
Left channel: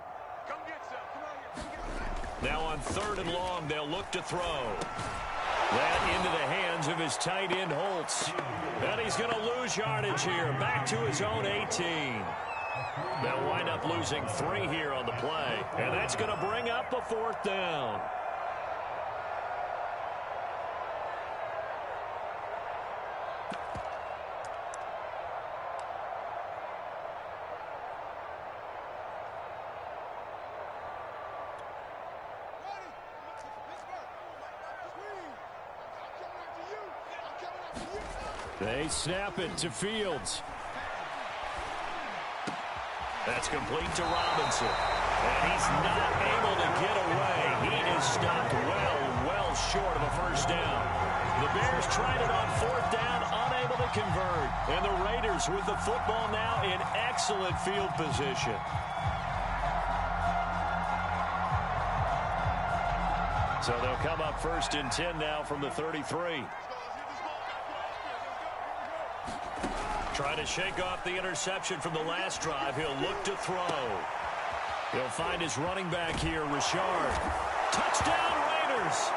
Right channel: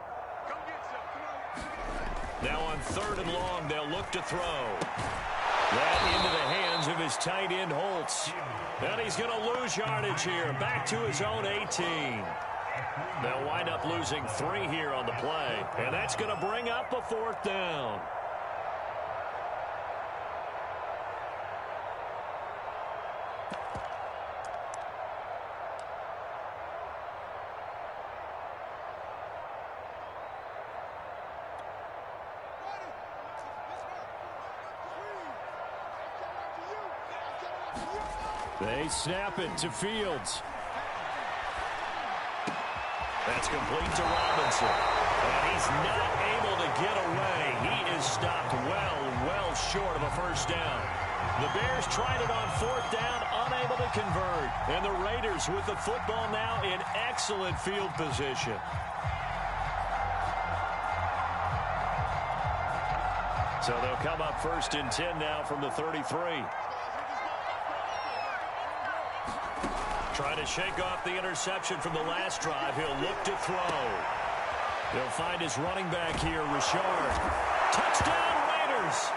Now on 3rd and long, they'll look to throw. That into the hands of his tight end, Holtz. And he's going to lose yardage here, back to his own 18. They'll wind up losing 3 here on the play, and that's going to bring up a 4th down. They snap it to Fields. That's complete to Robinson. And he's not able to get away. He is stopped well short of a first down. The Bears tried it on 4th down, unable to convert. And the Raiders with the football now in excellent field position. So they'll come up 1st and 10 now from the 33. Trying to shake off the interception from the last drive. He'll look to throw. He'll find his running back here, Richard. Touchdown, Raiders!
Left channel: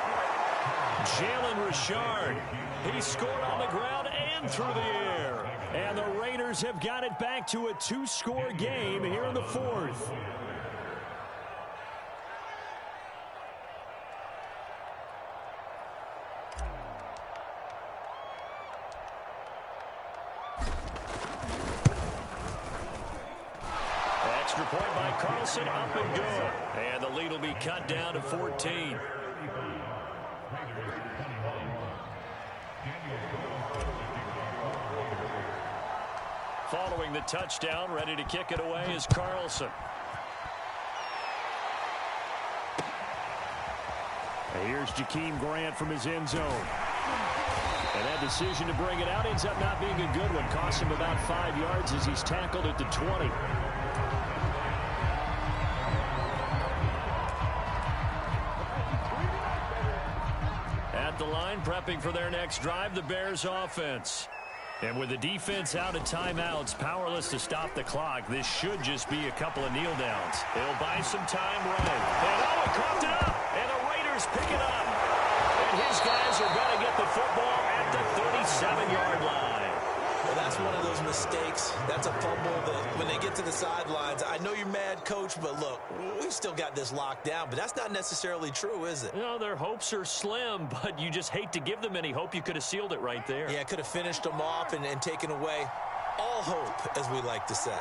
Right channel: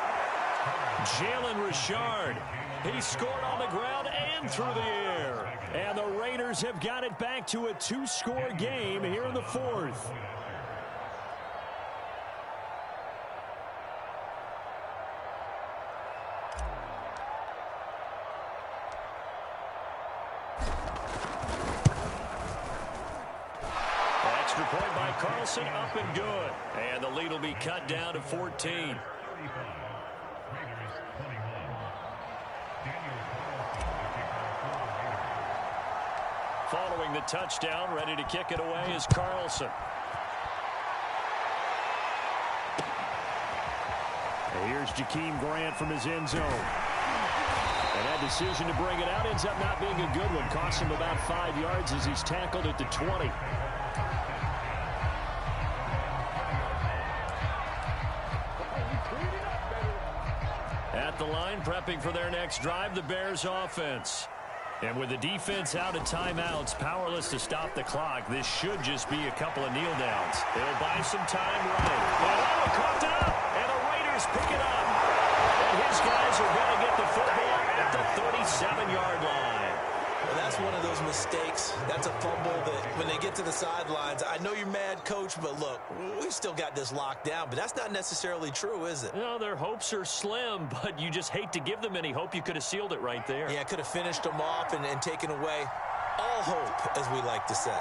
Jalen Richard. He scored on the ground and through the air. And the Raiders have got it back to a 2-score game here in the 4th. Extra point by Carlson, up and good. And the lead will be cut down to 14. Following the touchdown, ready to kick it away is Carlson. And here's Jakeem Grant from his end zone. And that decision to bring it out ends up not being a good one. Costs him about 5 yards as he's tackled at the 20. At the line, prepping for their next drive, the Bears offense. And with the defense out of timeouts, powerless to stop the clock, this should just be a couple of kneel downs. They'll buy some time right. And it coughed it up, and the Raiders pick it up. And his guys are going to get the football at the 37-yard line. Well, that's one of those mistakes. That's a fumble that when they get to the sidelines, I know you're mad, Coach, but look, we've still got this locked down. But that's not necessarily true, is it? You know, their hopes are slim, but you just hate to give them any hope. You could have sealed it right there. Yeah, could have finished them off and taken away all hope, as we like to say.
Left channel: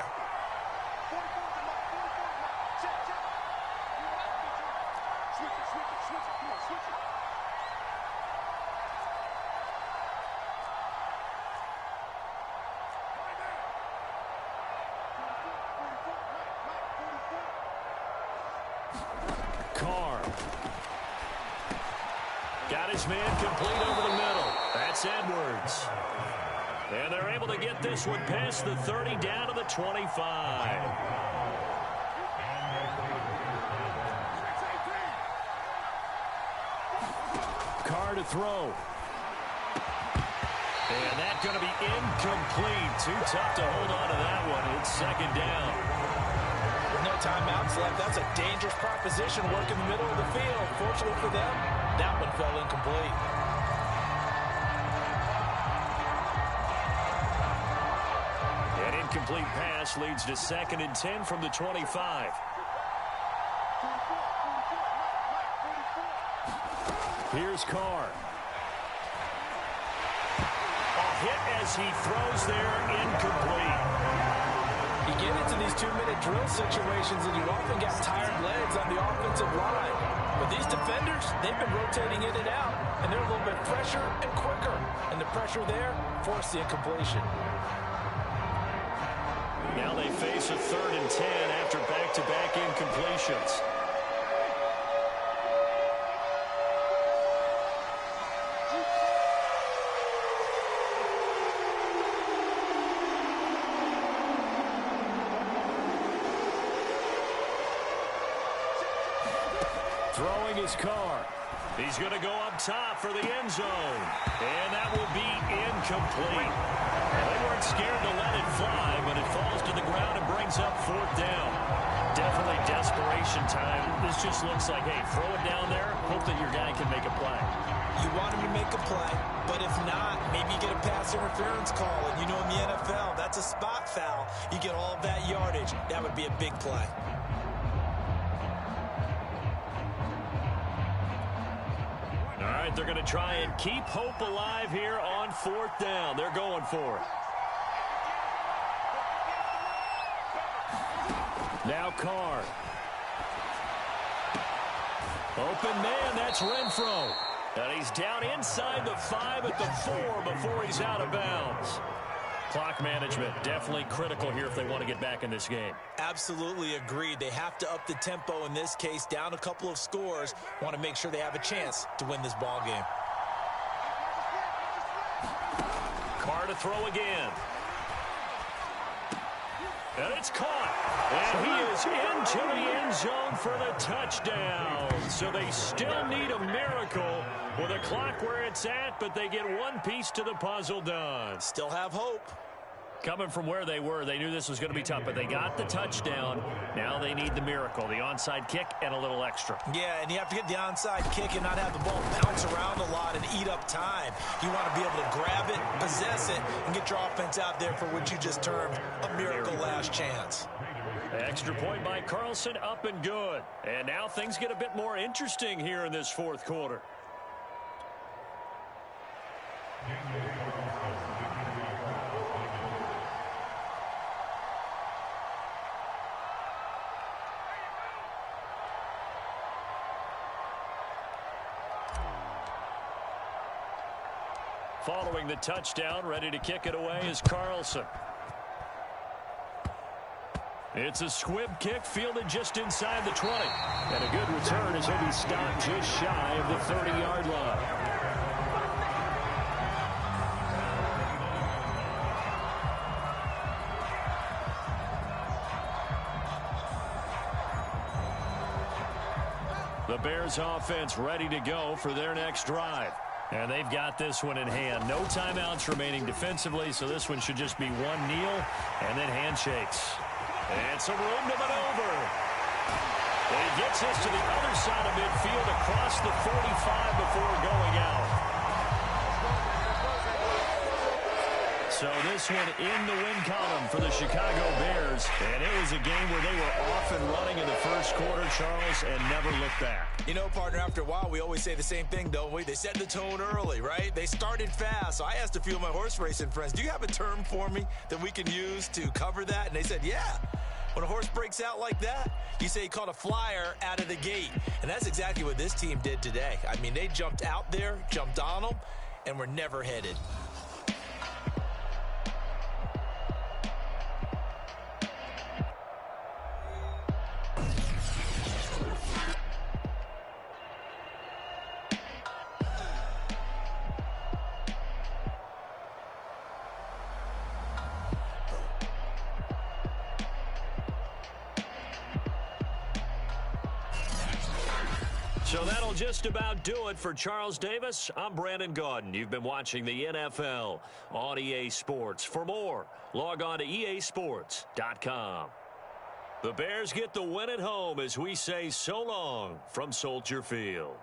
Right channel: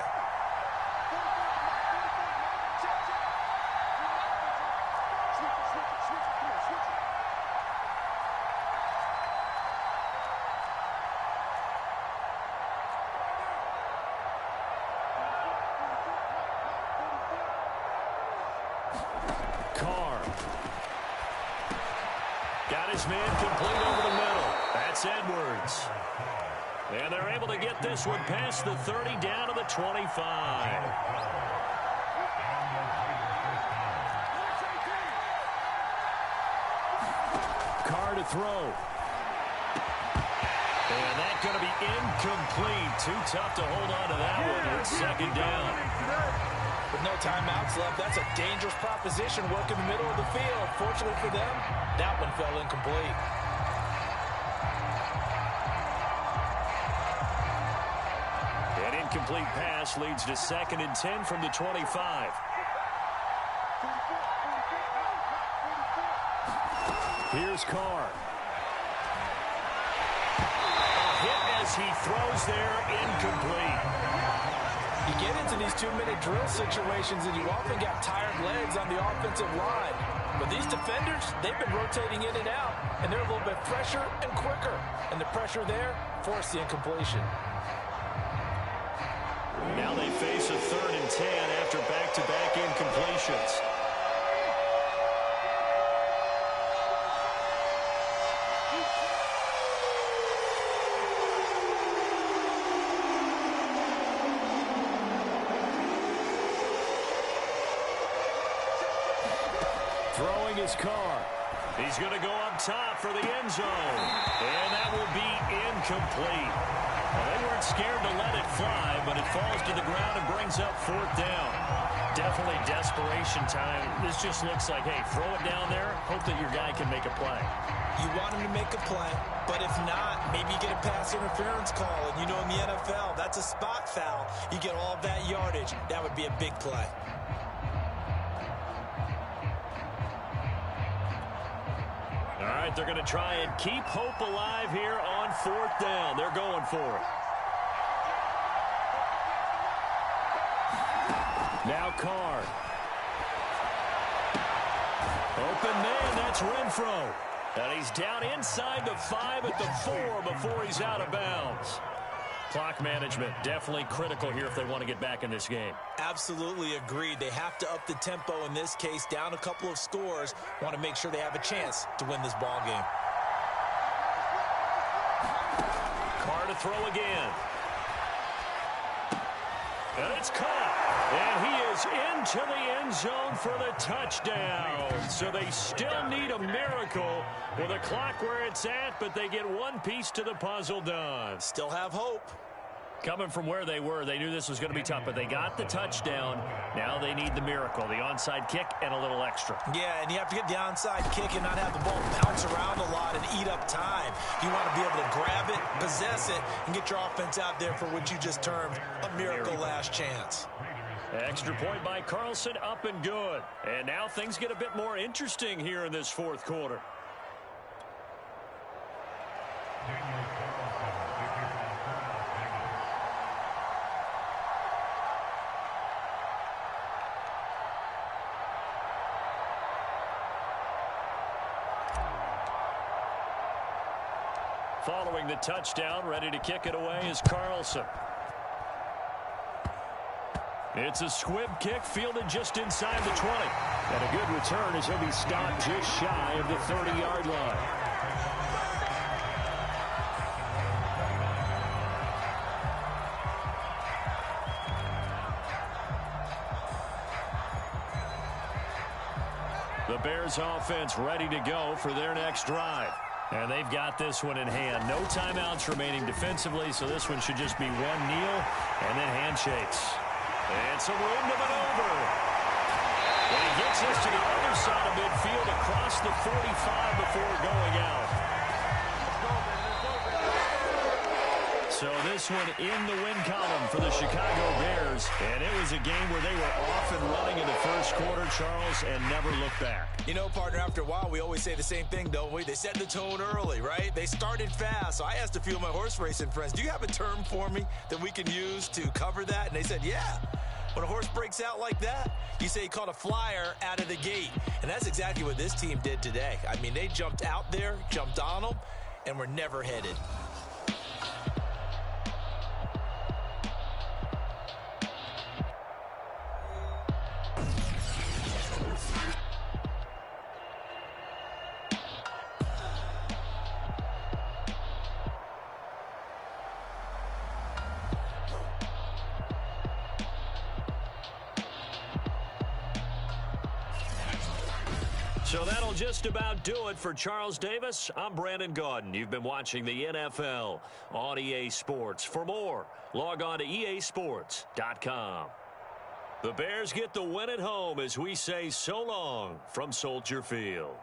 Got his man complete over the middle. That's Edwards. And they're able to get this one past the 30 down to the 25. Carr to throw. And that's going to be incomplete. Too tough to hold on to that one. It's 2nd down. With no timeouts left, that's a dangerous proposition. Work in the middle of the field. Fortunately for them, that one fell incomplete. An incomplete pass leads to 2nd and 10 from the 25. Here's Carr. A hit as he throws there, incomplete. You get into these 2-minute drill situations, and you often got tired legs on the offensive line. But these defenders, they've been rotating in and out, and they're a little bit fresher and quicker. And the pressure there forced the incompletion. Now they face a 3rd and 10 after back-to-back incompletions. Throwing his car. He's going to go up top for the end zone. And that will be incomplete. Well, they weren't scared to let it fly, but it falls to the ground and brings up 4th down. Definitely desperation time. This just looks like, hey, throw it down there, hope that your guy can make a play. You want him to make a play, but if not, maybe you get a pass interference call. And you know in the NFL, that's a spot foul. You get all that yardage. That would be a big play. All right, they're going to try and keep hope alive here on 4th down. They're going for it. Now Carr. Open man, that's Renfro. And he's down inside the 5 at the 4 before he's out of bounds. Clock management definitely critical here if they want to get back in this game. Absolutely agreed. They have to up the tempo in this case, down a couple of scores. Want to make sure they have a chance to win this ball game. Carr to throw again. And it's caught. And he is into the end zone for the touchdown. So they still need a miracle with a clock where it's at, but they get one piece to the puzzle done. Still have hope. Coming from where they were, they knew this was going to be tough, but they got the touchdown. Now they need the miracle, the onside kick and a little extra. Yeah, and you have to get the onside kick and not have the ball bounce around a lot and eat up time. You want to be able to grab it, possess it, and get your offense out there for what you just termed a miracle last chance. Extra point by Carlson, up and good. And now things get a bit more interesting here in this 4th quarter. Following the touchdown, ready to kick it away is Carlson. It's a squib kick fielded just inside the 20. And a good return as he'll be stopped just shy of the 30-yard line. The Bears offense ready to go for their next drive. And they've got this one in hand. No timeouts remaining defensively, so this one should just be one kneel and then handshakes. And some room to maneuver. And he gets this to the other side of midfield across the 45 before going out. So this one in the win column for the Chicago Bears. And it was a game where they were off and running in the first quarter, Charles, and never looked back. You know, partner, after a while, we always say the same thing, don't we? They set the tone early, right? They started fast. So I asked a few of my horse racing friends, do you have a term for me that we can use to cover that? And they said, yeah. When a horse breaks out like that, you say he caught a flyer out of the gate. And that's exactly what this team did today. I mean, they jumped out there, jumped on them, and were never headed. So that'll just about do it for Charles Davis. I'm Brandon Gaudin. You've been watching the NFL on EA Sports. For more, log on to easports.com. The Bears get the win at home as we say so long from Soldier Field.